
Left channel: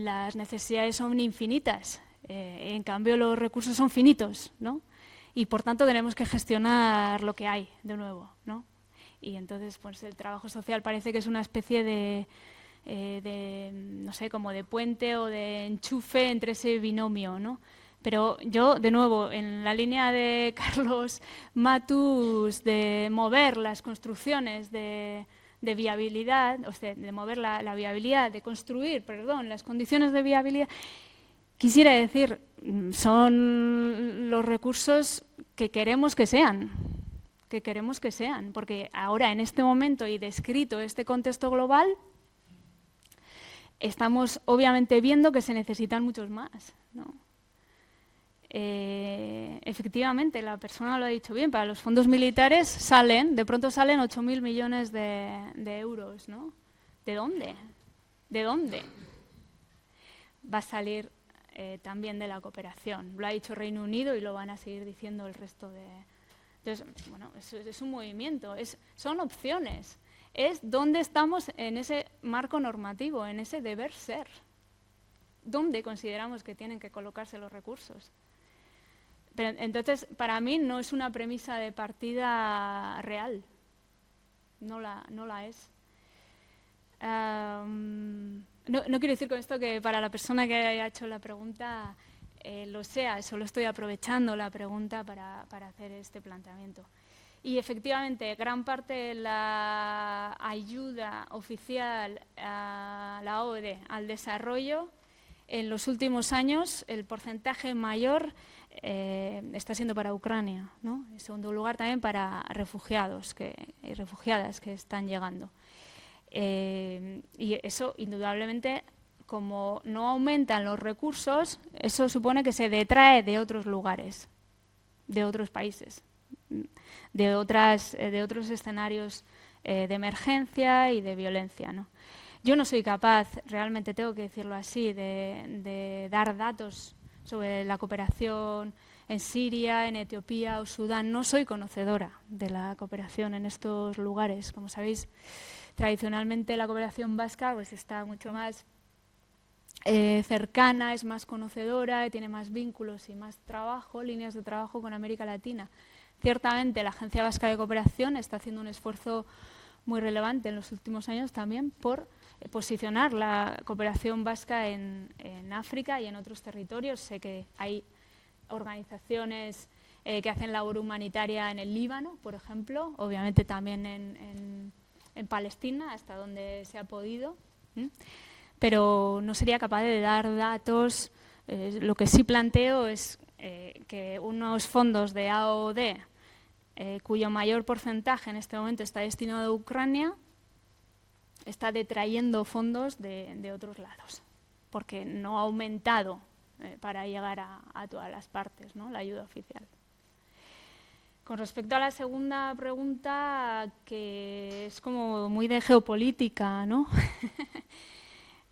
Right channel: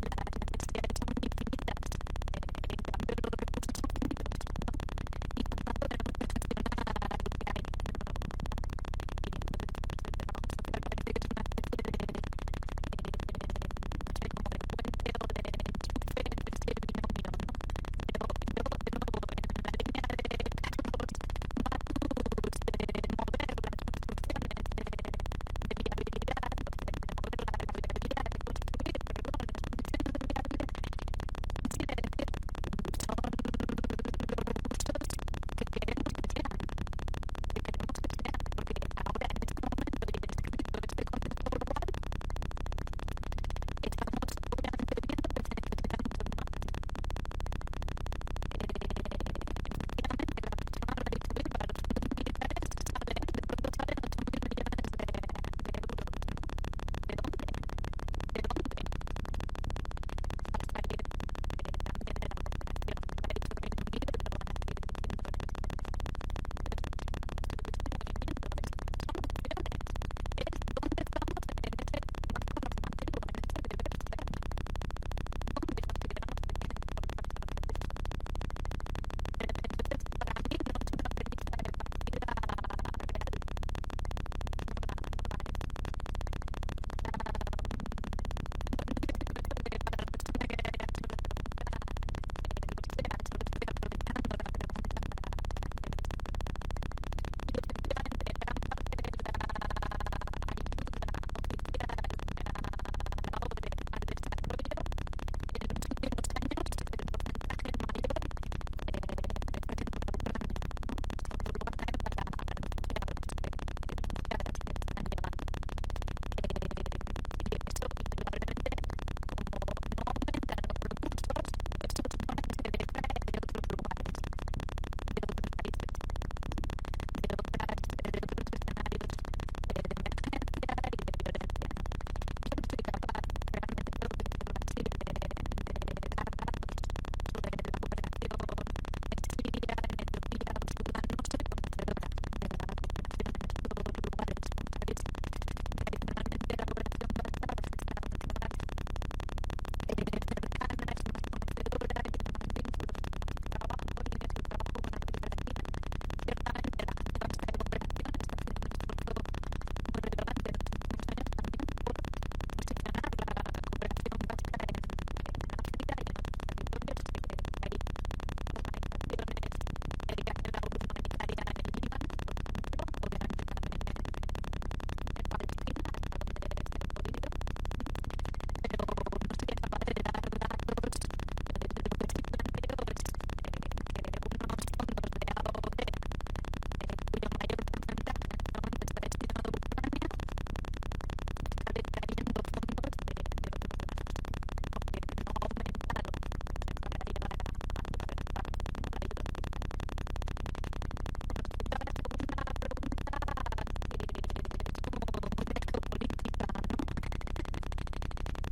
las necesidades son infinitas, en cambio los recursos son finitos, ¿no? Y por tanto tenemos que gestionar lo que hay de nuevo, ¿no? Y entonces pues el trabajo social parece que es una especie de no sé, como de puente o de enchufe entre ese binomio, ¿no? Pero yo, de nuevo, en la línea de Carlos Matus de mover las construcciones de viabilidad, o sea, de mover la viabilidad, de construir, las condiciones de viabilidad, quisiera decir, son los recursos que queremos que sean, porque ahora en este momento y descrito este contexto global, estamos obviamente viendo que se necesitan muchos más, ¿no? Efectivamente, la persona lo ha dicho bien, para los fondos militares de pronto salen 8.000 millones de euros, ¿no? ¿De dónde? ¿De dónde? Va a salir también de la cooperación. Lo ha dicho Reino Unido y lo van a seguir diciendo el resto de... Entonces, bueno, eso es un movimiento, son opciones. Es dónde estamos en ese marco normativo, en ese deber ser. ¿Dónde consideramos que tienen que colocarse los recursos? Pero entonces, para mí no es una premisa de partida real. No la es. No quiero decir con esto que para la persona que haya hecho la pregunta lo sea, solo estoy aprovechando la pregunta para hacer este planteamiento. Y efectivamente, gran parte de la ayuda oficial a la ODE al desarrollo, en los últimos años, el porcentaje mayor está siendo para Ucrania, ¿no? En segundo lugar, también para refugiados y refugiadas que están llegando. Y eso, indudablemente, como no aumentan los recursos, eso supone que se detrae de otros lugares, de otros países, de otros escenarios de emergencia y de violencia, ¿no? Yo no soy capaz, realmente tengo que decirlo así, de dar datos sobre la cooperación en Siria, en Etiopía o Sudán. No soy conocedora de la cooperación en estos lugares. Como sabéis, tradicionalmente la cooperación vasca pues está mucho más cercana, es más conocedora, tiene más vínculos y más trabajo, líneas de trabajo con América Latina. Ciertamente la Agencia Vasca de Cooperación está haciendo un esfuerzo muy relevante en los últimos años también por posicionar la cooperación vasca en África y en otros territorios. Sé que hay organizaciones que hacen labor humanitaria en el Líbano, por ejemplo, obviamente también en Palestina, hasta donde se ha podido, pero no sería capaz de dar datos. Lo que sí planteo es que unos fondos de AOD, cuyo mayor porcentaje en este momento está destinado a Ucrania, está detrayendo fondos de otros lados, porque no ha aumentado para llegar a todas las partes, ¿no?, la ayuda oficial. Con respecto a la segunda pregunta, que es como muy de geopolítica, ¿no?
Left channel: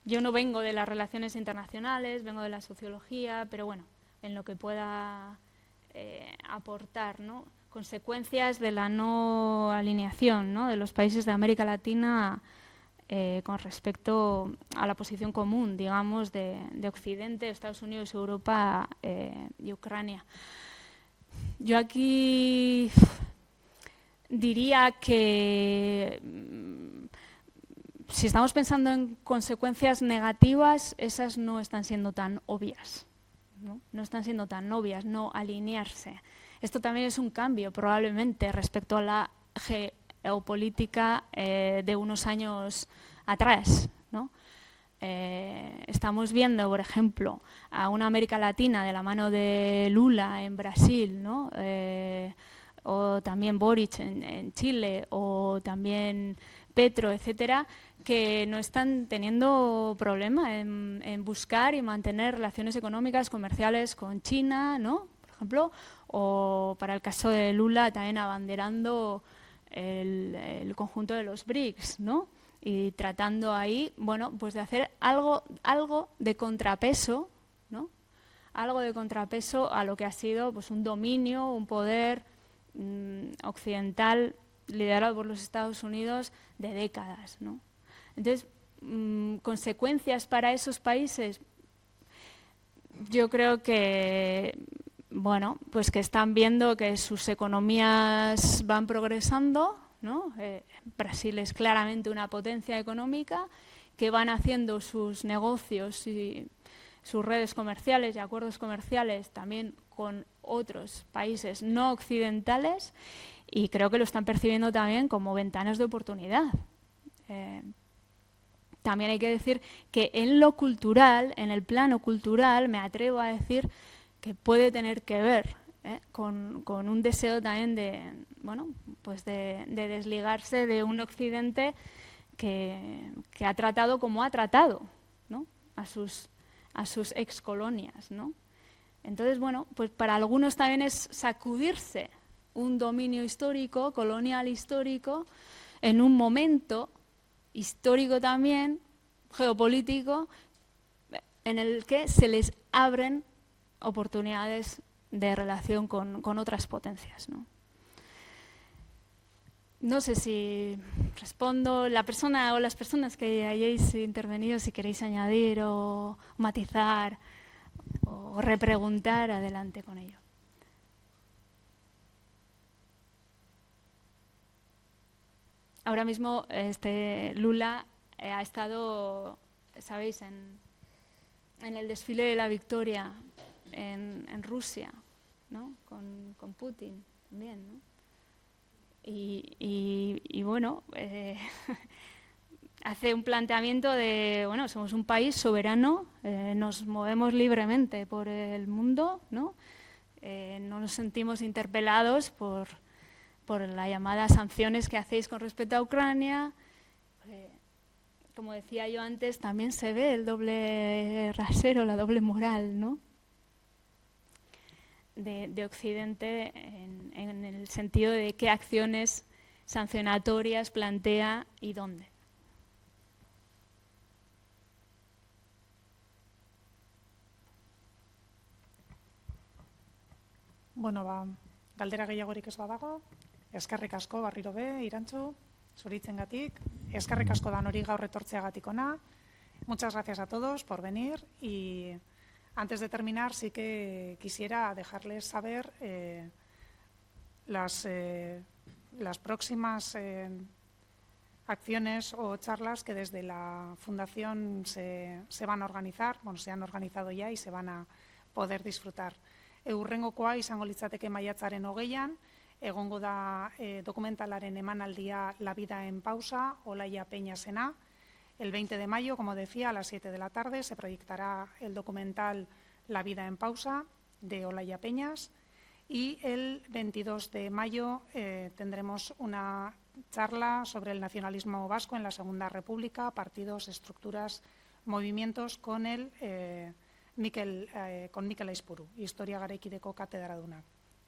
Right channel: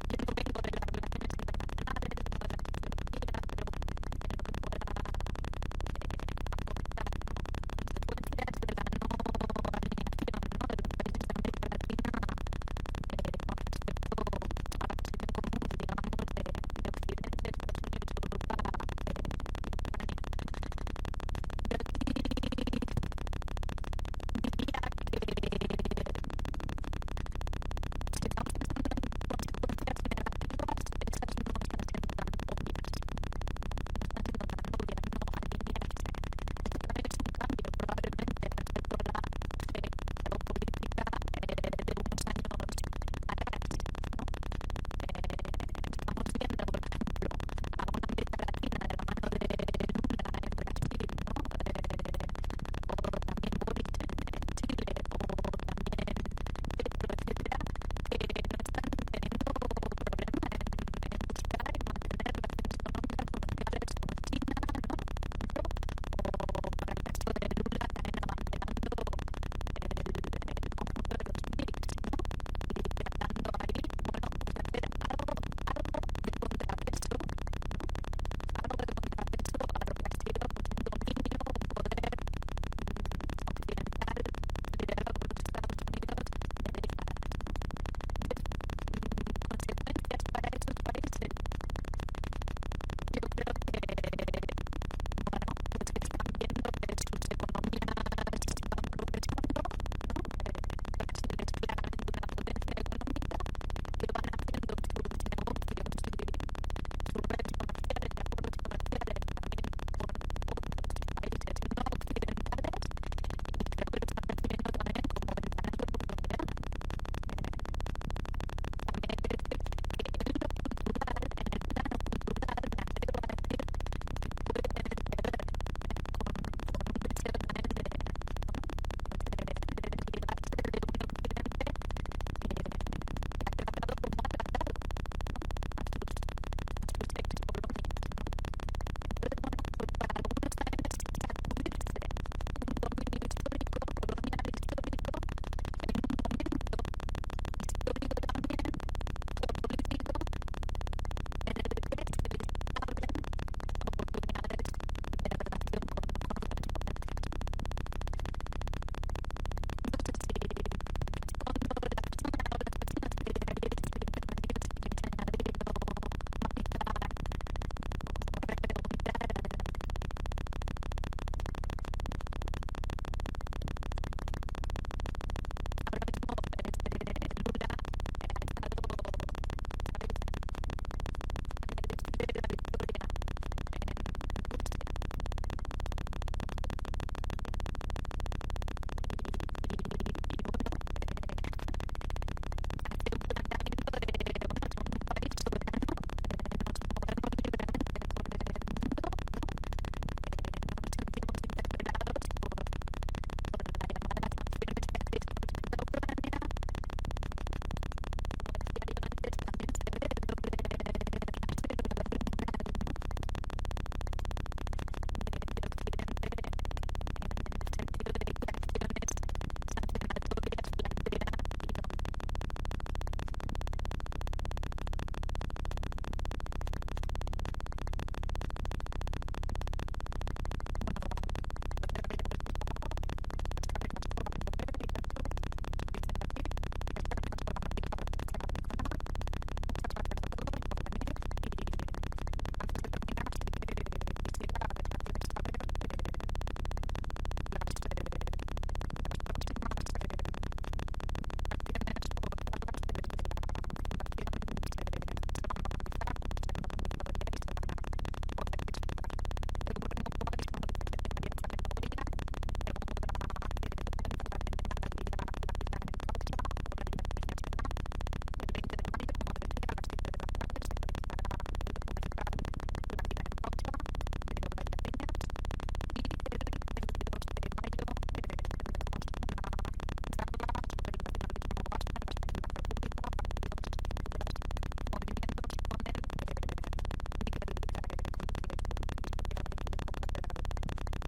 Yo no vengo de las relaciones internacionales, vengo de la sociología, pero bueno, en lo que pueda aportar, ¿no? Consecuencias de la no alineación, ¿no?, de los países de América Latina con respecto a la posición común, digamos, de Occidente, Estados Unidos, Europa y Ucrania. Yo aquí diría que si estamos pensando en consecuencias negativas, esas no están siendo tan obvias, no están siendo tan obvias, no alinearse. Esto también es un cambio probablemente respecto a la geopolítica de unos años atrás, ¿no? Estamos viendo, por ejemplo, a una América Latina de la mano de Lula en Brasil, ¿no? O también Boric en Chile, o también Petro, etcétera, que no están teniendo problema en buscar y mantener relaciones económicas, comerciales con China, ¿no?, por ejemplo, o para el caso de Lula también abanderando el conjunto de los BRICS, ¿no?, y tratando ahí, bueno, pues de hacer algo de contrapeso, ¿no?, algo de contrapeso a lo que ha sido pues un dominio, un poder occidental liderado por los Estados Unidos de décadas, ¿no? Entonces, consecuencias para esos países, yo creo que, bueno, pues que están viendo que sus economías van progresando, ¿no? Brasil es claramente una potencia económica, que van haciendo sus negocios y sus redes comerciales y acuerdos comerciales también con otros países no occidentales, y creo que lo están percibiendo también como ventanas de oportunidad. También hay que decir que en lo cultural, en el plano cultural, me atrevo a decir que puede tener que ver con un deseo también de, bueno, pues de desligarse de un occidente que ha tratado como ha tratado, ¿no?, a sus excolonias, ¿no? Entonces, bueno, pues para algunos también es sacudirse un dominio histórico, colonial histórico, en un momento histórico también, geopolítico, en el que se les abren oportunidades de relación con otras potencias, ¿no? No sé si respondo. La persona o las personas que hayáis intervenido, si queréis añadir o matizar o repreguntar, adelante con ello. Ahora mismo Lula ha estado, sabéis, en el desfile de la victoria en Rusia, ¿no?, con Putin también, ¿no? Y bueno, hace un planteamiento de, bueno, somos un país soberano, nos movemos libremente por el mundo, ¿no? No nos sentimos interpelados por las llamadas sanciones que hacéis con respecto a Ucrania. Como decía yo antes, también se ve el doble rasero, la doble moral, ¿no?, de Occidente en el sentido de qué acciones sancionatorias plantea y dónde. Bueno, galdera gehiagorik ez badago, eskerrik asko barriro be, Irantzu, zuritzengatik, eskerrik asko lan hori gaur etortzeagatik ona. Muchas gracias a todos por venir, y antes de terminar sí que quisiera dejarles saber las próximas acciones o charlas que desde la Fundación se van a organizar, se han organizado ya y se van a poder disfrutar. Hurrengokoa izango litzateke maiatzaren 20an, egongo da dokumentalaren emanaldia La vida en pausa, Olaia Peñasena. El 20 de mayo, como decía, a las 7 de la tarde se proyectará el documental La vida en pausa de Olaia Peñas, y el 22 de mayo tendremos una charla sobre el nacionalismo vasco en la Segunda República, partidos, estructuras, movimientos con Mikel Aizpuru, Historia Garaikideko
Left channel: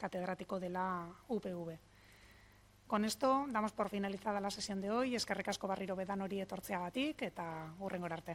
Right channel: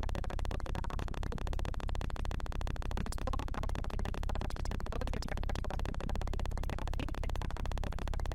catedrático de la UPV. Con esto damos por finalizada la sesión de hoy. Eskerrik asko berriro bedan hori etortzeagatik eta hurrengora arte.